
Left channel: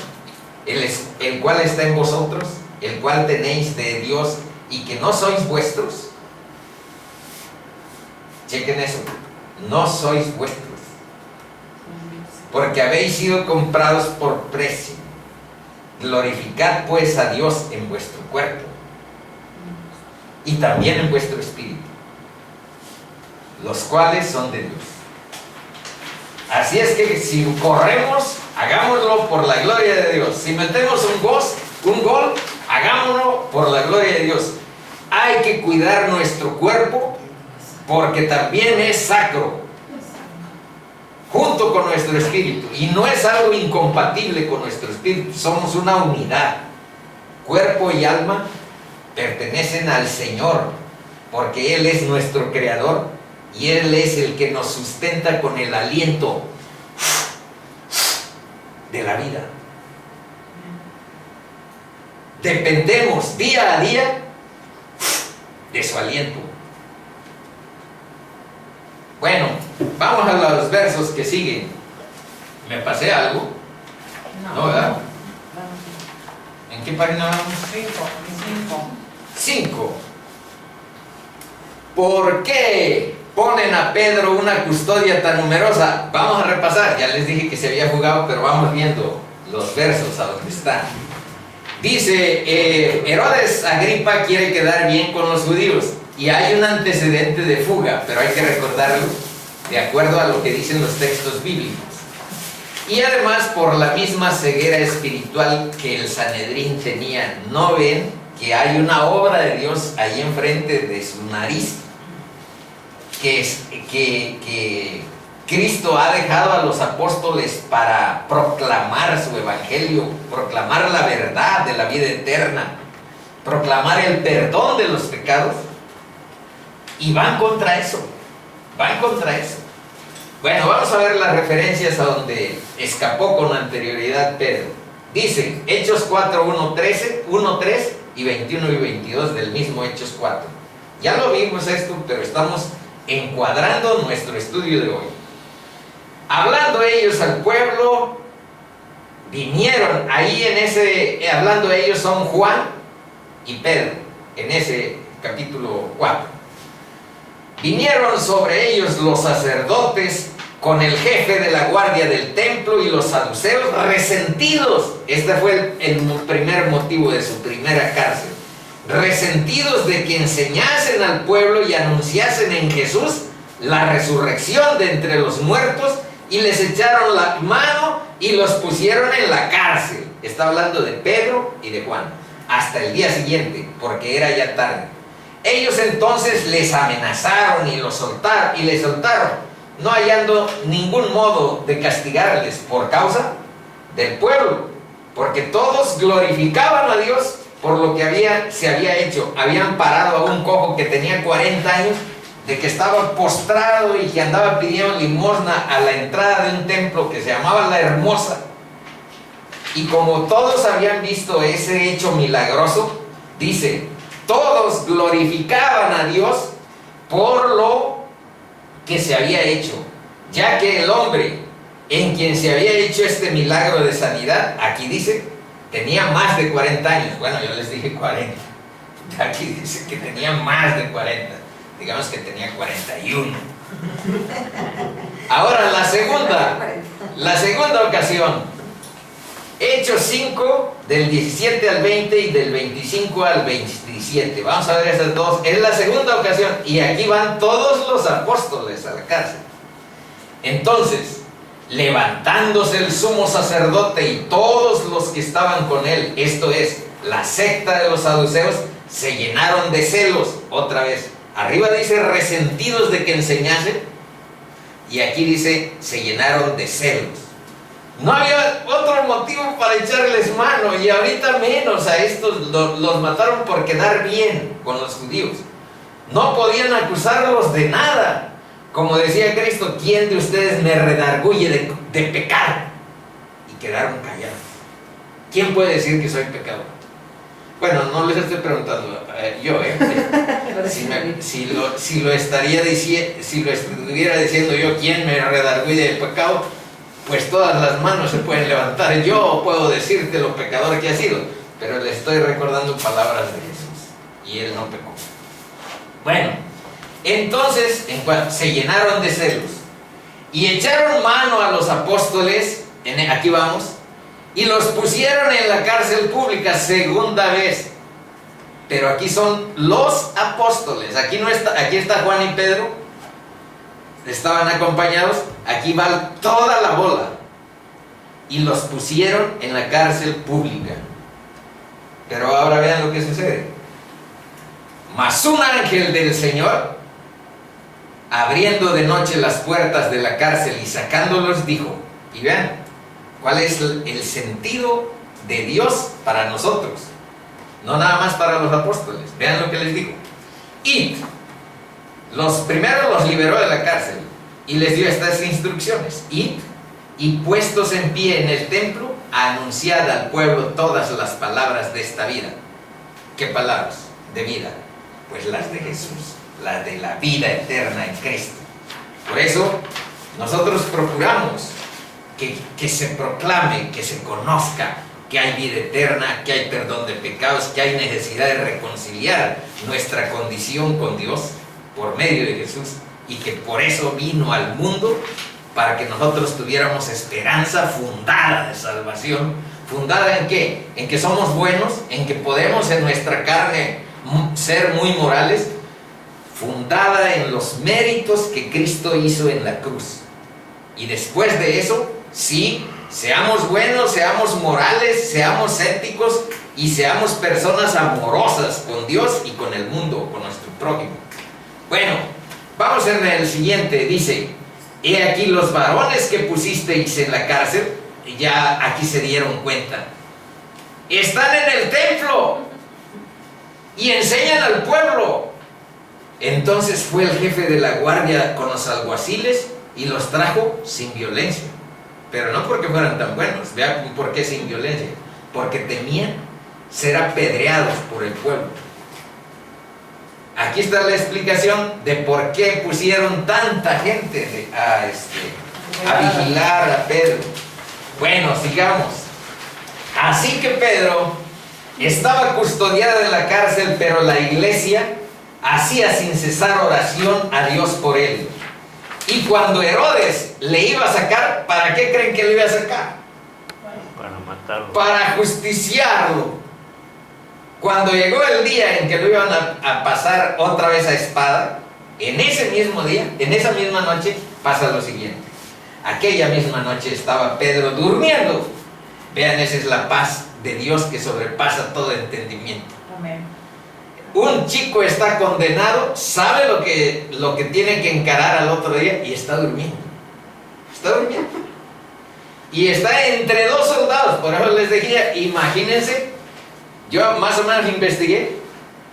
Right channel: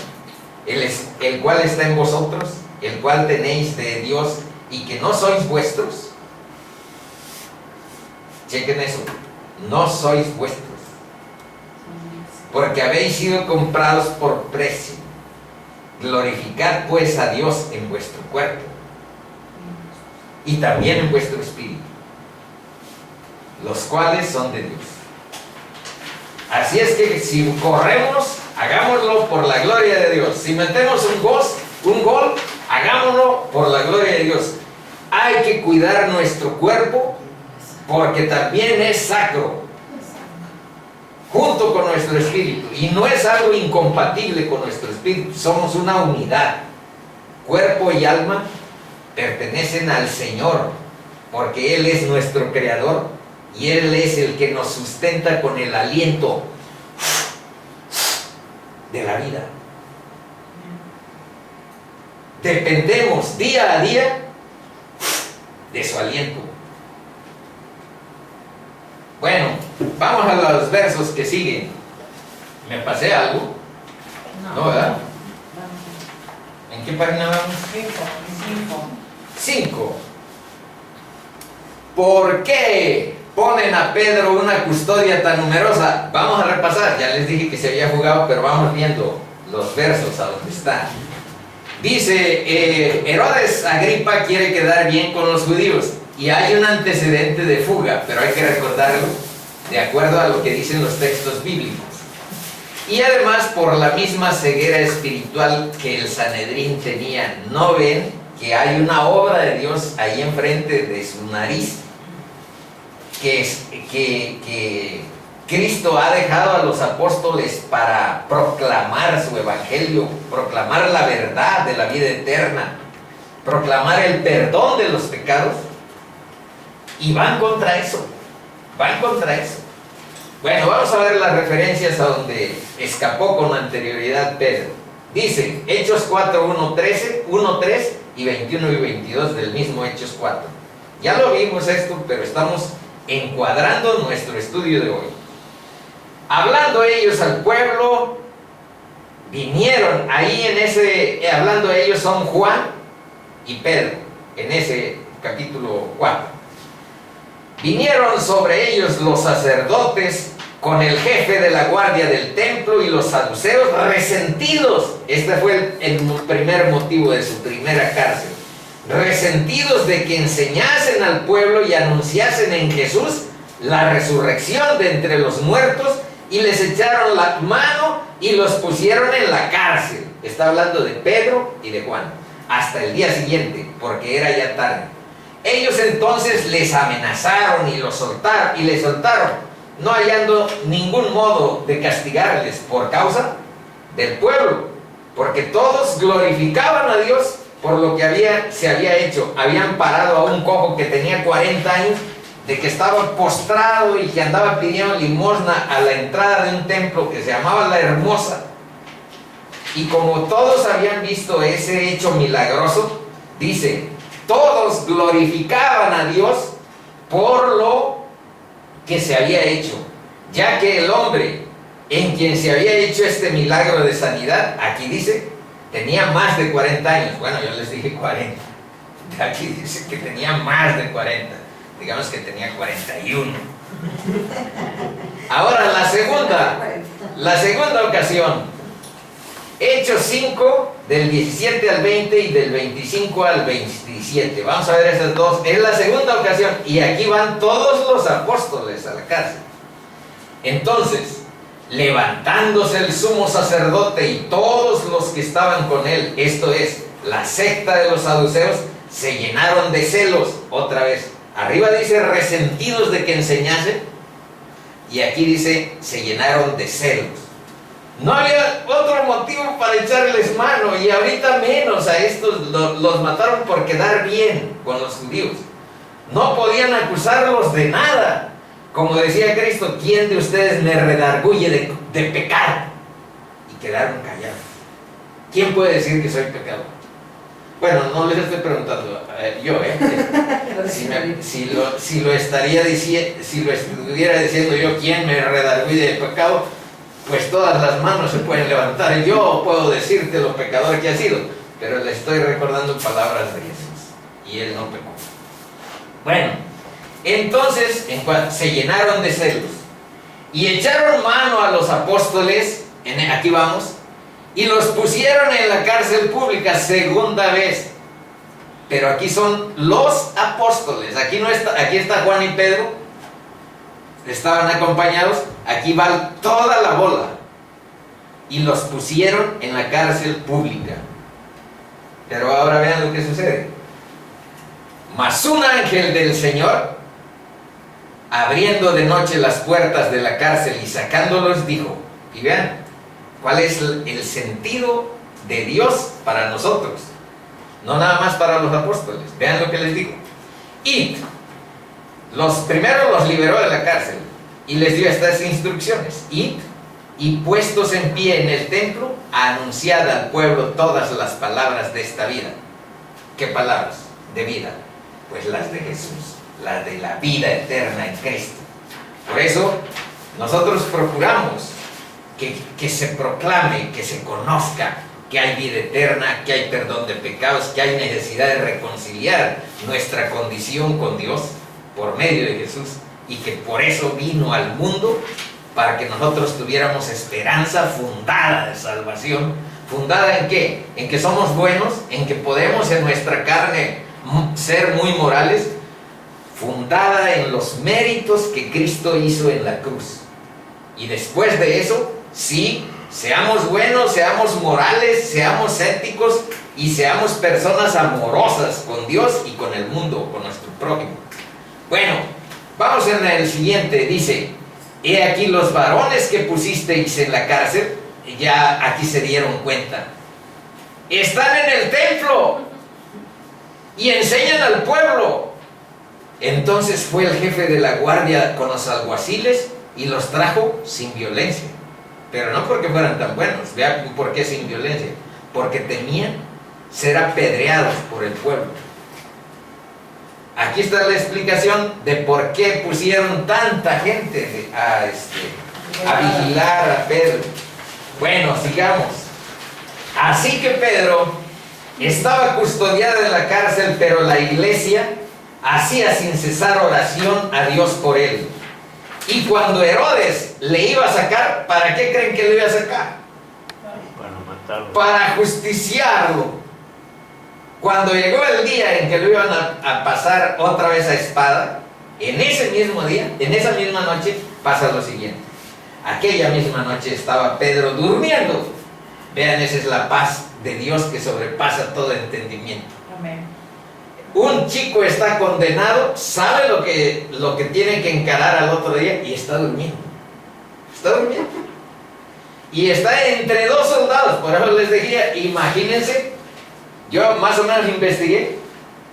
el cual está en vosotros, el cual tenéis de Dios, y que no sois vuestros? Chequen eso, no sois vuestros, porque habéis sido comprados por precio. Glorificad pues a Dios en vuestro cuerpo y también en vuestro espíritu, los cuales son de Dios. Así es que si corremos, hagámoslo por la gloria de Dios. Si metemos un gol, hagámoslo por la gloria de Dios. Hay que cuidar nuestro cuerpo porque también es sacro, junto con nuestro espíritu, y no es algo incompatible con nuestro espíritu. Somos una unidad. Cuerpo y alma pertenecen al Señor, porque Él es nuestro creador y Él es el que nos sustenta con el aliento de la vida. Dependemos día a día de su aliento. Bueno, vamos a los versos que siguen. ¿Me pasé algo? No, ¿verdad? ¿En qué página vamos? 5. ¿Por qué ponen a Pedro una custodia tan numerosa? Vamos a repasar, ya les dije que se había jugado, pero vamos viendo los versos a donde están. Dice, Herodes Agripa quiere quedar bien con los judíos, y hay un antecedente de fuga, pero hay que recordarlo de acuerdo a lo que dicen los textos bíblicos. Y además por la misma ceguera espiritual que el Sanedrín tenía. ¿No ven que hay una obra de Dios ahí enfrente de su nariz? Que Cristo ha dejado a los apóstoles para proclamar su evangelio, proclamar la verdad de la vida eterna, proclamar el perdón de los pecados, y van contra eso, Bueno, vamos a ver las referencias a donde escapó con anterioridad Pedro. Dice, Hechos 4, 1, 3 y 21 y 22 del mismo Hechos 4. Ya lo vimos esto, pero estamos encuadrando nuestro estudio de hoy. Hablando ellos al pueblo, vinieron ahí hablando ellos son Juan y Pedro, en ese capítulo 4. Vinieron sobre ellos los sacerdotes con el jefe de la guardia del templo y los saduceos resentidos. Este fue el primer motivo de su primera cárcel. Resentidos de que enseñasen al pueblo y anunciasen en Jesús la resurrección de entre los muertos, y les echaron la mano y los pusieron en la cárcel. Está hablando de Pedro y de Juan, hasta el día siguiente, porque era ya tarde. Ellos entonces les amenazaron y les soltaron, no hallando ningún modo de castigarles por causa del pueblo, porque todos glorificaban a Dios por lo que se había hecho. Habían parado a un cojo que tenía 40 años, de que estaba postrado y que andaba pidiendo limosna a la entrada de un templo que se llamaba La Hermosa. Y como todos habían visto ese hecho milagroso, dice, todos glorificaban a Dios por lo que se había hecho, ya que el hombre en quien se había hecho este milagro de sanidad, aquí dice, tenía más de 40 años. Bueno, yo les dije 40. Aquí dice que tenía más de 40. Digamos que tenía 41. Ahora la segunda ocasión, Hechos 5, del 17 al 20 y del 25 al 27. Vamos a ver esas dos. Es la segunda ocasión y aquí van todos los apóstoles a la cárcel. Entonces, levantándose el sumo sacerdote y todos los que estaban con él, esto es, la secta de los saduceos, se llenaron de celos. Otra vez, arriba dice resentidos de que enseñasen, y aquí dice se llenaron de celos. No había otro motivo para echarles mano, y ahorita menos. A estos los mataron por quedar bien con los judíos. No podían acusarlos de nada. Como decía Cristo, ¿quién de ustedes me redarguye de pecar? Y quedaron callados. ¿Quién puede decir que soy pecador? Bueno, no les estoy preguntando yo, si lo estuviera diciendo yo, ¿quién me redarguye de pecado? Pues todas las manos se pueden levantar. Yo puedo decirte lo pecador que ha sido, pero le estoy recordando palabras de Jesús, y él no pecó. Bueno, entonces se llenaron de celos y echaron mano a los apóstoles, aquí vamos, y los pusieron en la cárcel pública segunda vez. Pero aquí son los apóstoles, aquí está Juan y Pedro, estaban acompañados, aquí va toda la bola, y los pusieron en la cárcel pública. Pero ahora vean lo que sucede. Mas un ángel del Señor, abriendo de noche las puertas de la cárcel y sacándolos, dijo, y vean cuál es el sentido de Dios para nosotros, no nada más para los apóstoles. Vean lo que les dijo. Id. Primero los liberó de la cárcel y les dio estas instrucciones. Id, y puestos en pie en el templo, anunciad al pueblo todas las palabras de esta vida. ¿Qué palabras de vida? Pues las de Jesús, las de la vida eterna en Cristo. Por eso nosotros procuramos que se proclame, que se conozca que hay vida eterna, que hay perdón de pecados, que hay necesidad de reconciliar nuestra condición con Dios por medio de Jesús, y que por eso vino al mundo, para que nosotros tuviéramos esperanza fundada de salvación. ¿Fundada en qué? En que somos buenos, en que podemos en nuestra carne ser muy morales, fundada en los méritos que Cristo hizo en la cruz. Y después de eso, sí, seamos buenos, seamos morales, seamos éticos y seamos personas amorosas con Dios y con el mundo, con nuestro prójimo. Bueno, vamos en el siguiente. Dice, he aquí los varones que pusisteis en la cárcel, ya aquí se dieron cuenta, están en el templo y enseñan al pueblo. Entonces fue el jefe de la guardia con los alguaciles y los trajo sin violencia. Pero no porque fueran tan buenos. Vean por qué sin violencia. Porque temían ser apedreados por el pueblo. Aquí está la explicación de por qué pusieron tanta gente a vigilar a Pedro. Bueno, sigamos. Así que Pedro estaba custodiado en la cárcel, pero la iglesia hacía sin cesar oración a Dios por él. Y cuando Herodes le iba a sacar, ¿para qué creen que le iba a sacar? Para matarlo. Para justiciarlo. Cuando llegó el día en que lo iban a pasar otra vez a espada, en ese mismo día, en esa misma noche, pasa lo siguiente. Aquella misma noche estaba Pedro durmiendo. Vean, esa es la paz de Dios que sobrepasa todo entendimiento. Amén. Un chico está condenado, sabe lo que tiene que encarar al otro día y está durmiendo. Está durmiendo. Y está entre dos soldados. Por eso les decía, imagínense, yo más o menos investigué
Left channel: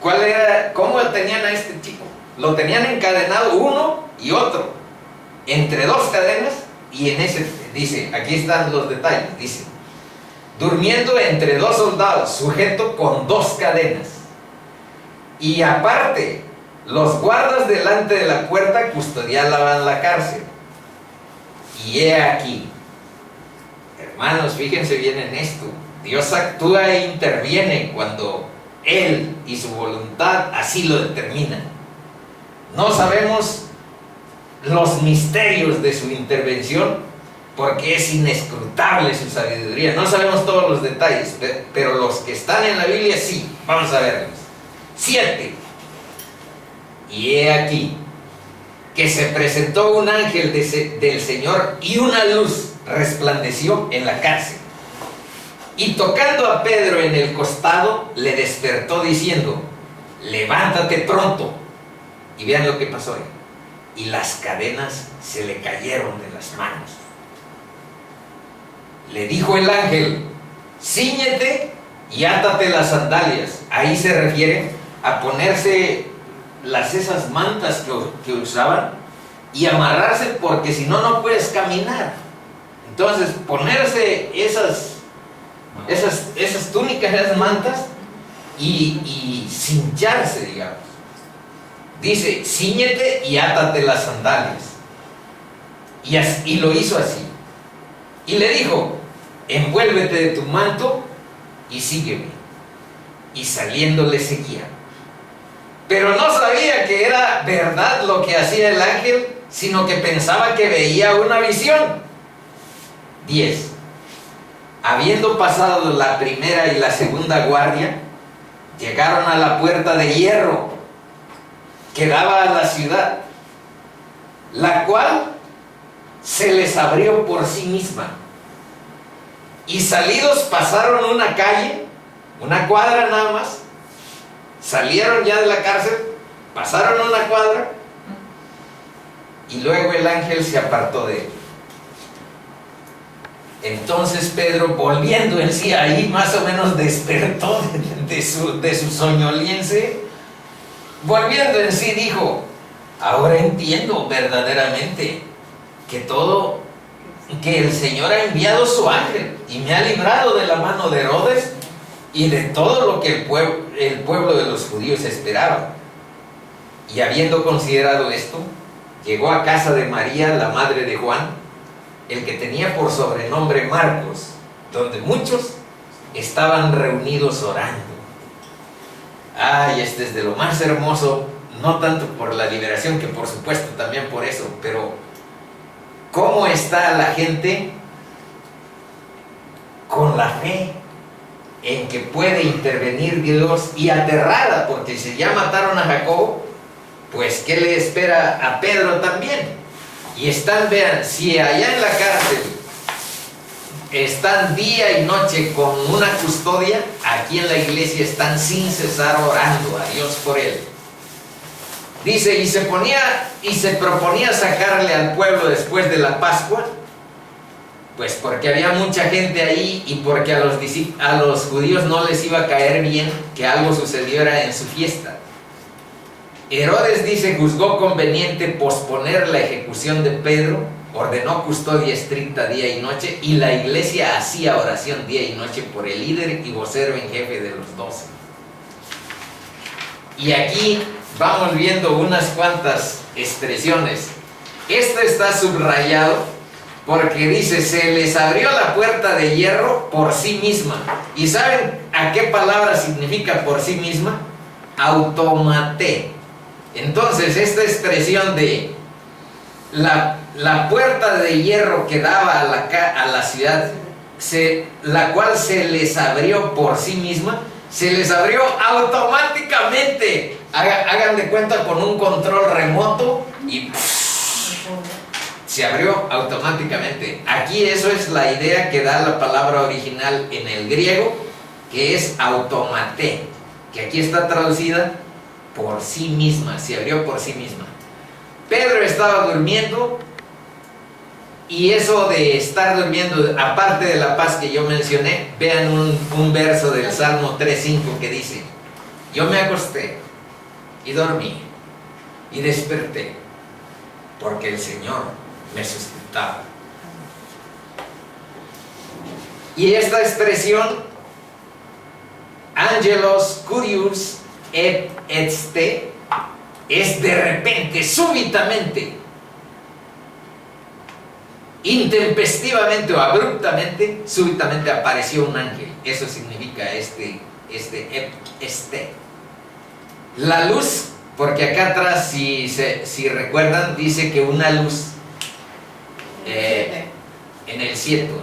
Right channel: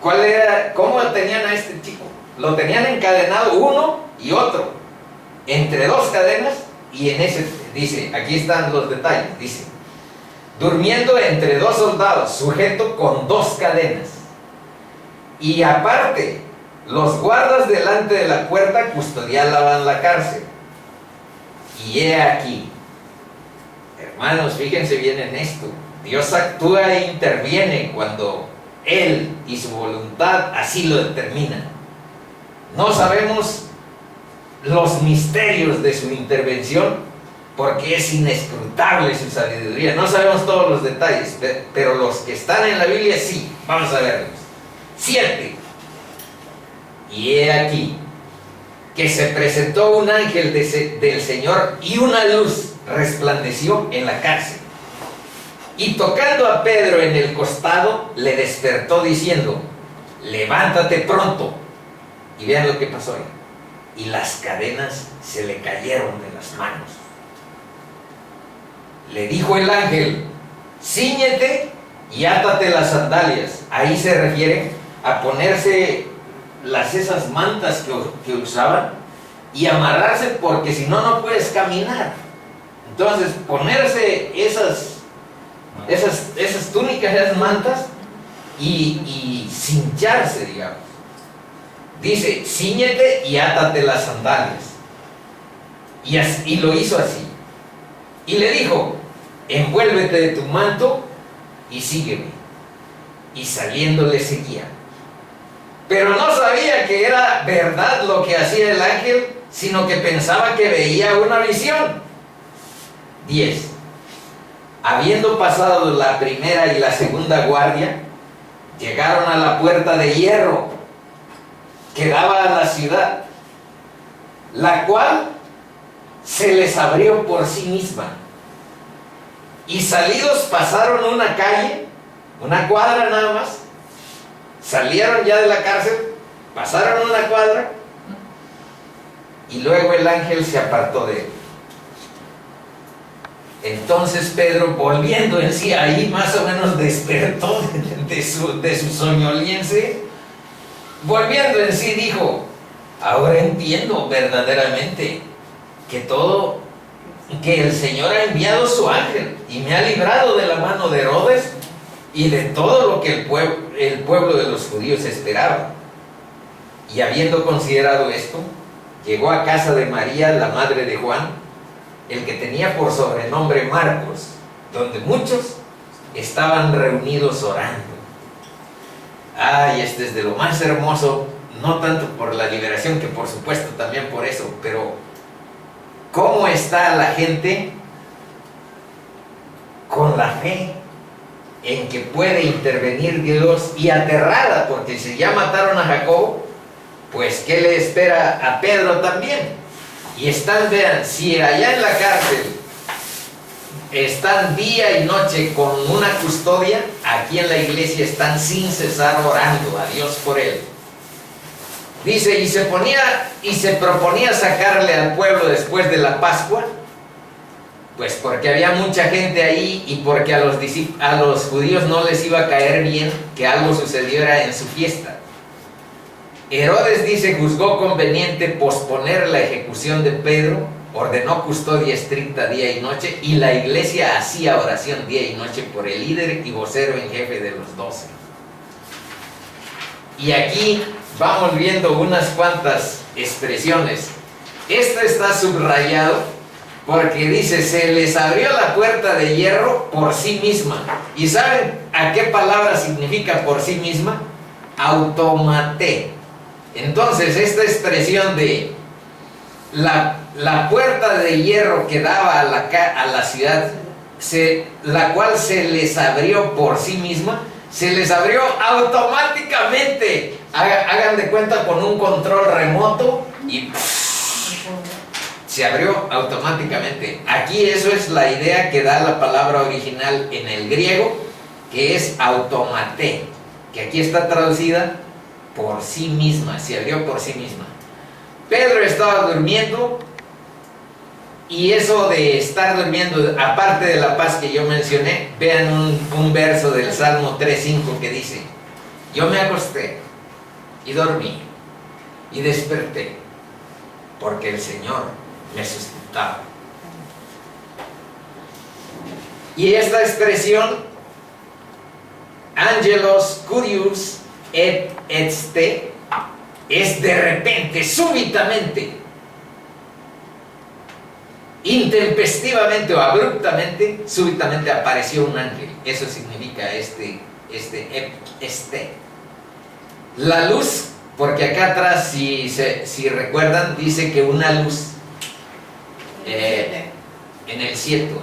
cómo tenían a este chico. Lo tenían encadenado uno y otro, entre dos cadenas, y en ese, dice, aquí están los detalles, dice, durmiendo entre dos soldados, sujeto con dos cadenas. Y aparte, los guardas delante de la puerta custodiaban la cárcel. Y he aquí, hermanos, fíjense bien en esto, Dios actúa e interviene cuando Él y su voluntad así lo determinan. No sabemos los misterios de su intervención porque es inescrutable su sabiduría. No sabemos todos los detalles, pero los que están en la Biblia sí. Vamos a verlos. 7. Y he aquí que se presentó un ángel del Señor y una luz resplandeció en la cárcel. Y tocando a Pedro en el costado, le despertó diciendo, levántate pronto. Y vean lo que pasó ahí. Y las cadenas se le cayeron de las manos. Le dijo el ángel, cíñete y átate las sandalias. Ahí se refiere a ponerse esas mantas que usaban y amarrarse, porque si no, no puedes caminar. Entonces, ponerse esas túnicas, esas mantas y cincharse, digamos. Dice, cíñete y átate las sandalias. Y lo hizo así. Y le dijo, envuélvete de tu manto y sígueme. Y saliendo le seguía. Pero no sabía que era verdad lo que hacía el ángel, sino que pensaba que veía una visión. 10. Habiendo pasado la primera y la segunda guardia, llegaron a la puerta de hierro que daba a la ciudad, la cual se les abrió por sí misma. Y salidos pasaron una calle, una cuadra nada más, salieron ya de la cárcel, pasaron una cuadra, y luego el ángel se apartó de él. Entonces Pedro, volviendo en sí, ahí más o menos despertó de su soñoliense. Volviendo en sí dijo, ahora entiendo verdaderamente que el Señor ha enviado su ángel y me ha librado de la mano de Herodes y de todo lo que el pueblo de los judíos esperaba. Y habiendo considerado esto, llegó a casa de María, la madre de Juan, el que tenía por sobrenombre Marcos, donde muchos estaban reunidos orando. Ay, este es de lo más hermoso, no tanto por la liberación, que por supuesto también por eso, pero cómo está la gente con la fe en que puede intervenir Dios, y aterrada, porque si ya mataron a Jacobo, pues ¿qué le espera a Pedro también? Y están, vean, si allá en la cárcel están día y noche con una custodia, aquí en la iglesia están sin cesar orando a Dios por él. Dice, y se proponía sacarle al pueblo después de la Pascua, pues porque había mucha gente ahí y porque a los judíos no les iba a caer bien que algo sucediera en su fiesta. Herodes, dice, juzgó conveniente posponer la ejecución de Pedro, ordenó custodia estricta día y noche, y la iglesia hacía oración día y noche por el líder y vocero en jefe de los 12. Y aquí vamos viendo unas cuantas expresiones. Esto está subrayado porque dice, se les abrió la puerta de hierro por sí misma. ¿Y saben a qué palabra significa por sí misma? Automaté. Entonces, esta expresión de la puerta de hierro que daba a la ciudad, la cual se les abrió por sí misma, se les abrió automáticamente. Hagan de cuenta con un control remoto y se abrió automáticamente. Aquí eso es la idea que da la palabra original en el griego, que es automaté, que aquí está traducida por sí misma, se abrió por sí misma. Pedro estaba durmiendo, y eso de estar durmiendo, aparte de la paz que yo mencioné, vean un verso del Salmo 3:5 que dice: yo me acosté y dormí y desperté porque el Señor me sustentaba. Y esta expresión, angelos curius et este, es de repente, súbitamente, intempestivamente o abruptamente, súbitamente apareció un ángel. Eso significa este. La luz, porque acá atrás, si recuerdan, dice que una luz en el cielo,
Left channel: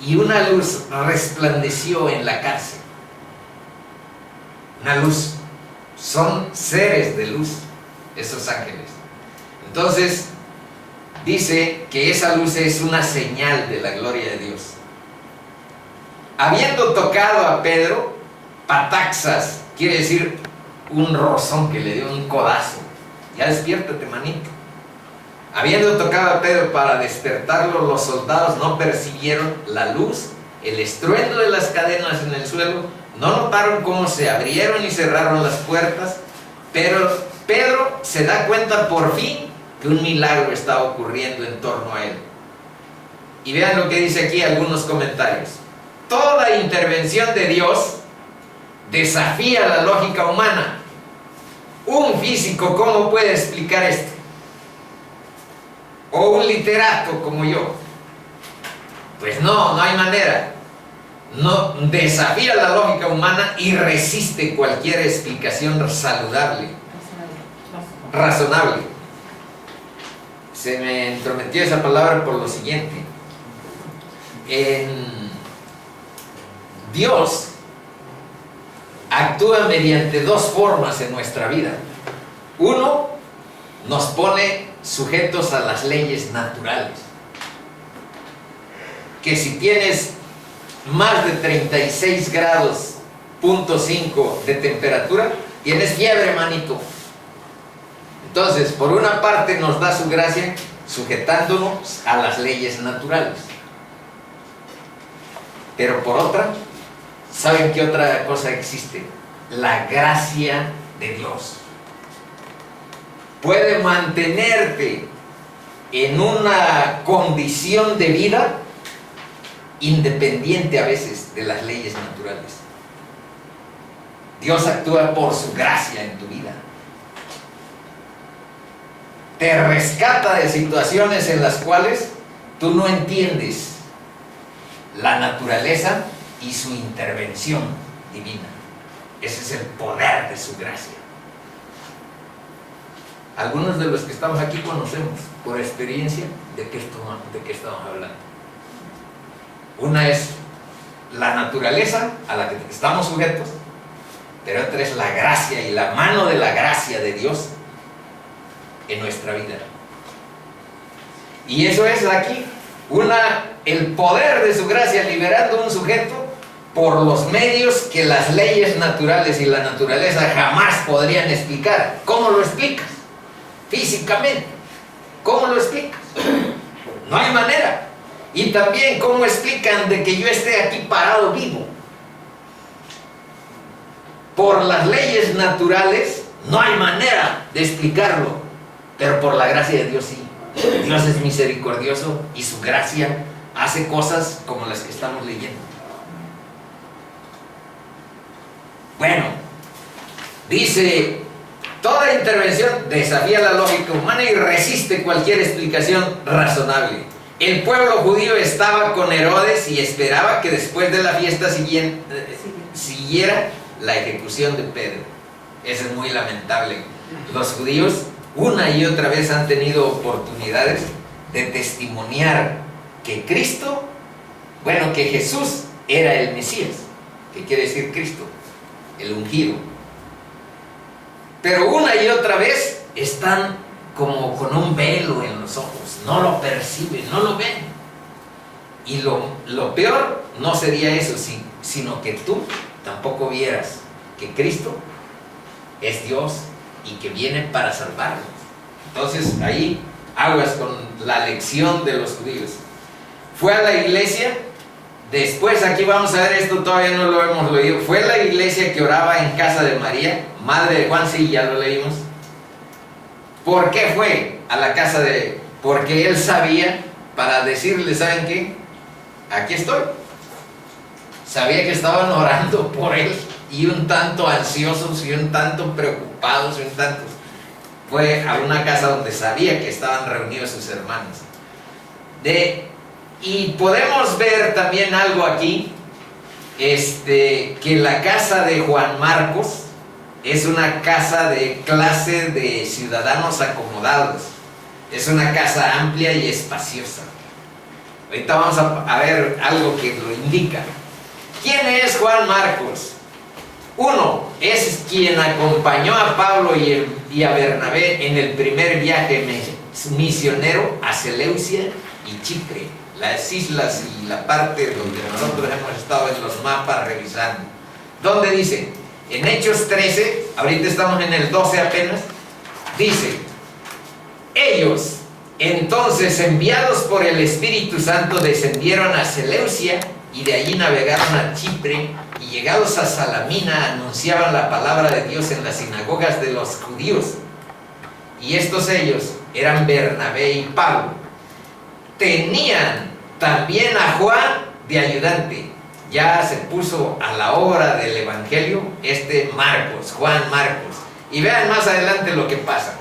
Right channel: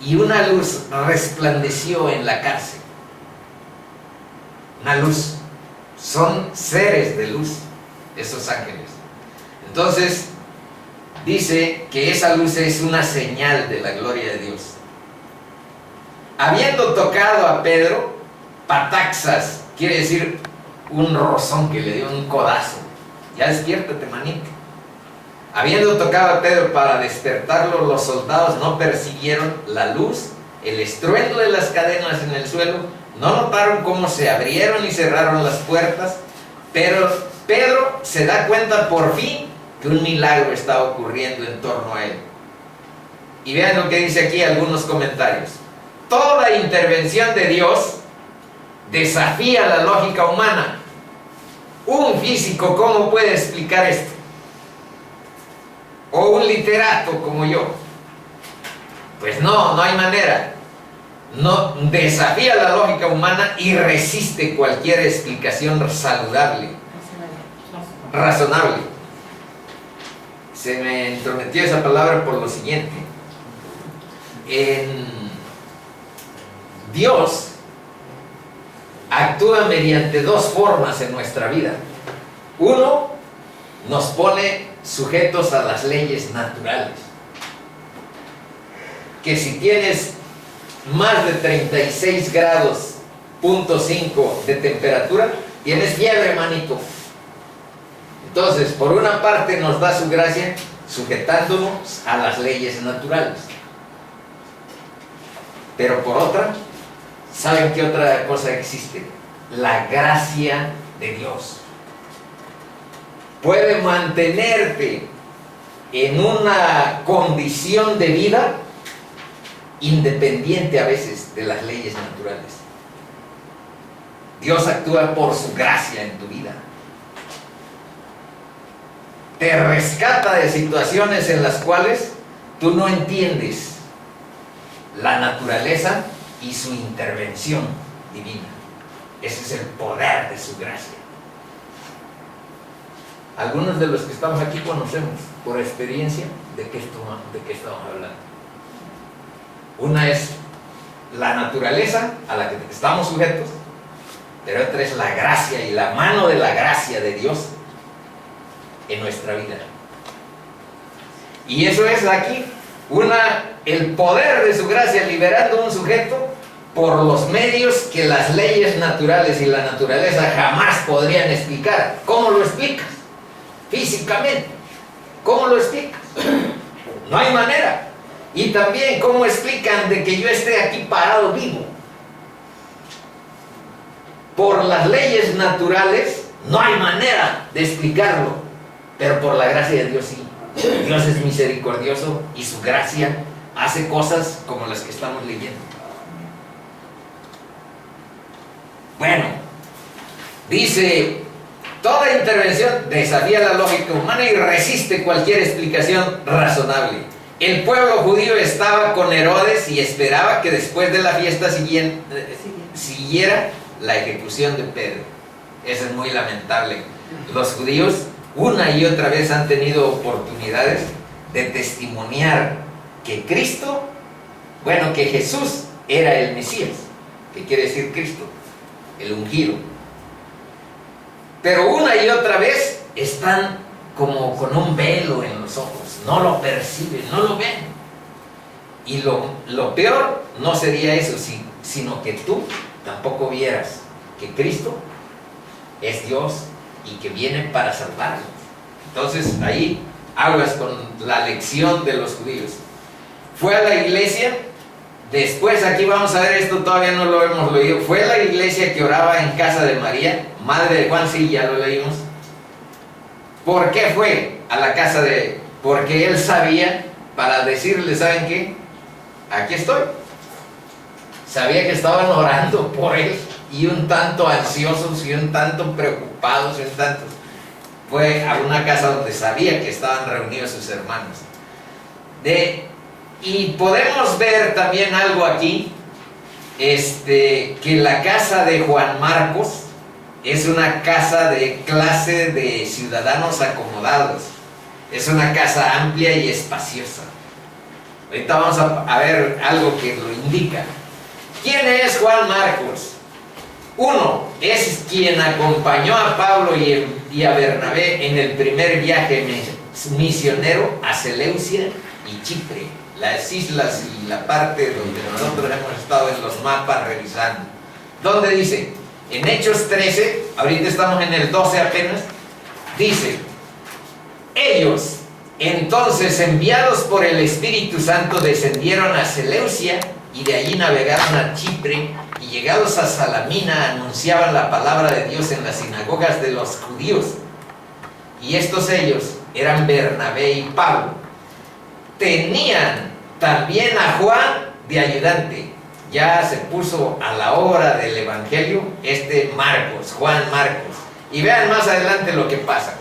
y una luz resplandeció en la cárcel. Una luz, son seres de luz, esos ángeles. Entonces, dice que esa luz es una señal de la gloria de Dios. Habiendo tocado a Pedro, pataxas, quiere decir un rozón, que le dio un codazo. Ya despiértate, manito. Habiendo tocado a Pedro para despertarlo, los soldados no persiguieron la luz, el estruendo de las cadenas en el suelo, no notaron cómo se abrieron y cerraron las puertas, pero Pedro se da cuenta por fin que un milagro está ocurriendo en torno a él. Y vean lo que dice aquí algunos comentarios. Toda intervención de Dios desafía la lógica humana. Un físico, ¿cómo puede explicar esto? O un literato como yo. Pues no hay manera. No, desafía la lógica humana y resiste cualquier explicación saludable, razonable. Se me entrometió esa palabra por lo siguiente. Dios actúa mediante dos formas en nuestra vida. Uno, nos pone sujetos a las leyes naturales. Que si tienes más de 36 grados, .5 de temperatura, tienes fiebre, manito. Entonces, por una parte nos da su gracia sujetándonos a las leyes naturales. Pero por otra, ¿saben qué otra cosa existe? La gracia de Dios. Puede mantenerte en una condición de vida independiente a veces de las leyes naturales. Dios actúa por su gracia en tu vida. Te rescata de situaciones en las cuales tú no entiendes la naturaleza y su intervención divina. Ese es el poder de su gracia. Algunos de los que estamos aquí conocemos por experiencia de qué estamos hablando. Una es la naturaleza a la que estamos sujetos, pero otra es la gracia y la mano de la gracia de Dios en nuestra vida. Y eso es aquí el poder de su gracia liberando a un sujeto por los medios que las leyes naturales y la naturaleza jamás podrían explicar. ¿Cómo lo explicas? Físicamente. ¿Cómo lo explicas? No hay manera. Y también, ¿cómo explican de que yo esté aquí parado vivo? Por las leyes naturales no hay manera de explicarlo, pero por la gracia de Dios sí. Dios es misericordioso y su gracia hace cosas como las que estamos leyendo. Bueno, dice, toda intervención desafía la lógica humana y resiste cualquier explicación razonable. El pueblo judío estaba con Herodes y esperaba que después de la fiesta siguiera la ejecución de Pedro. Eso es muy lamentable. Los judíos una y otra vez han tenido oportunidades de testimoniar que Cristo, bueno, que Jesús era el Mesías, que quiere decir Cristo, el ungido. Pero una y otra vez están como con un velo en los ojos, no lo perciben, no lo ven. Y lo peor no sería eso, sino que tú tampoco vieras que Cristo es Dios y que viene para salvarnos. Entonces ahí aguas con la lección de los judíos. Fue a la iglesia, después aquí vamos a ver esto, todavía no lo hemos leído. Fue a la iglesia que oraba en casa de María, madre de Juan, sí, ya lo leímos. ¿Por qué fue a la casa de...? Porque él sabía, para decirle, ¿saben qué? Aquí estoy. Sabía que estaban orando por él y un tanto ansiosos y un tanto preocupados y un tanto... Fue a una casa donde sabía que estaban reunidos sus hermanos. Y podemos ver también algo aquí, que la casa de Juan Marcos es una casa de clase de ciudadanos acomodados. Es una casa amplia y espaciosa. Ahorita vamos a ver algo que lo indica. ¿Quién es Juan Marcos? Uno, es quien acompañó a Pablo y a Bernabé en el primer viaje misionero a Seleucia y Chipre, las islas y la parte donde nosotros hemos estado en los mapas revisando. ¿Dónde dice? En Hechos 13, ahorita estamos en el 12 apenas, dice: ellos, entonces, enviados por el Espíritu Santo, descendieron a Seleucia y de allí navegaron a Chipre, y llegados a Salamina anunciaban la palabra de Dios en las sinagogas de los judíos. Y estos ellos eran Bernabé y Pablo. Tenían también a Juan de ayudante. Ya se puso a la obra del Evangelio Marcos, Juan Marcos. Y vean más adelante lo que pasa.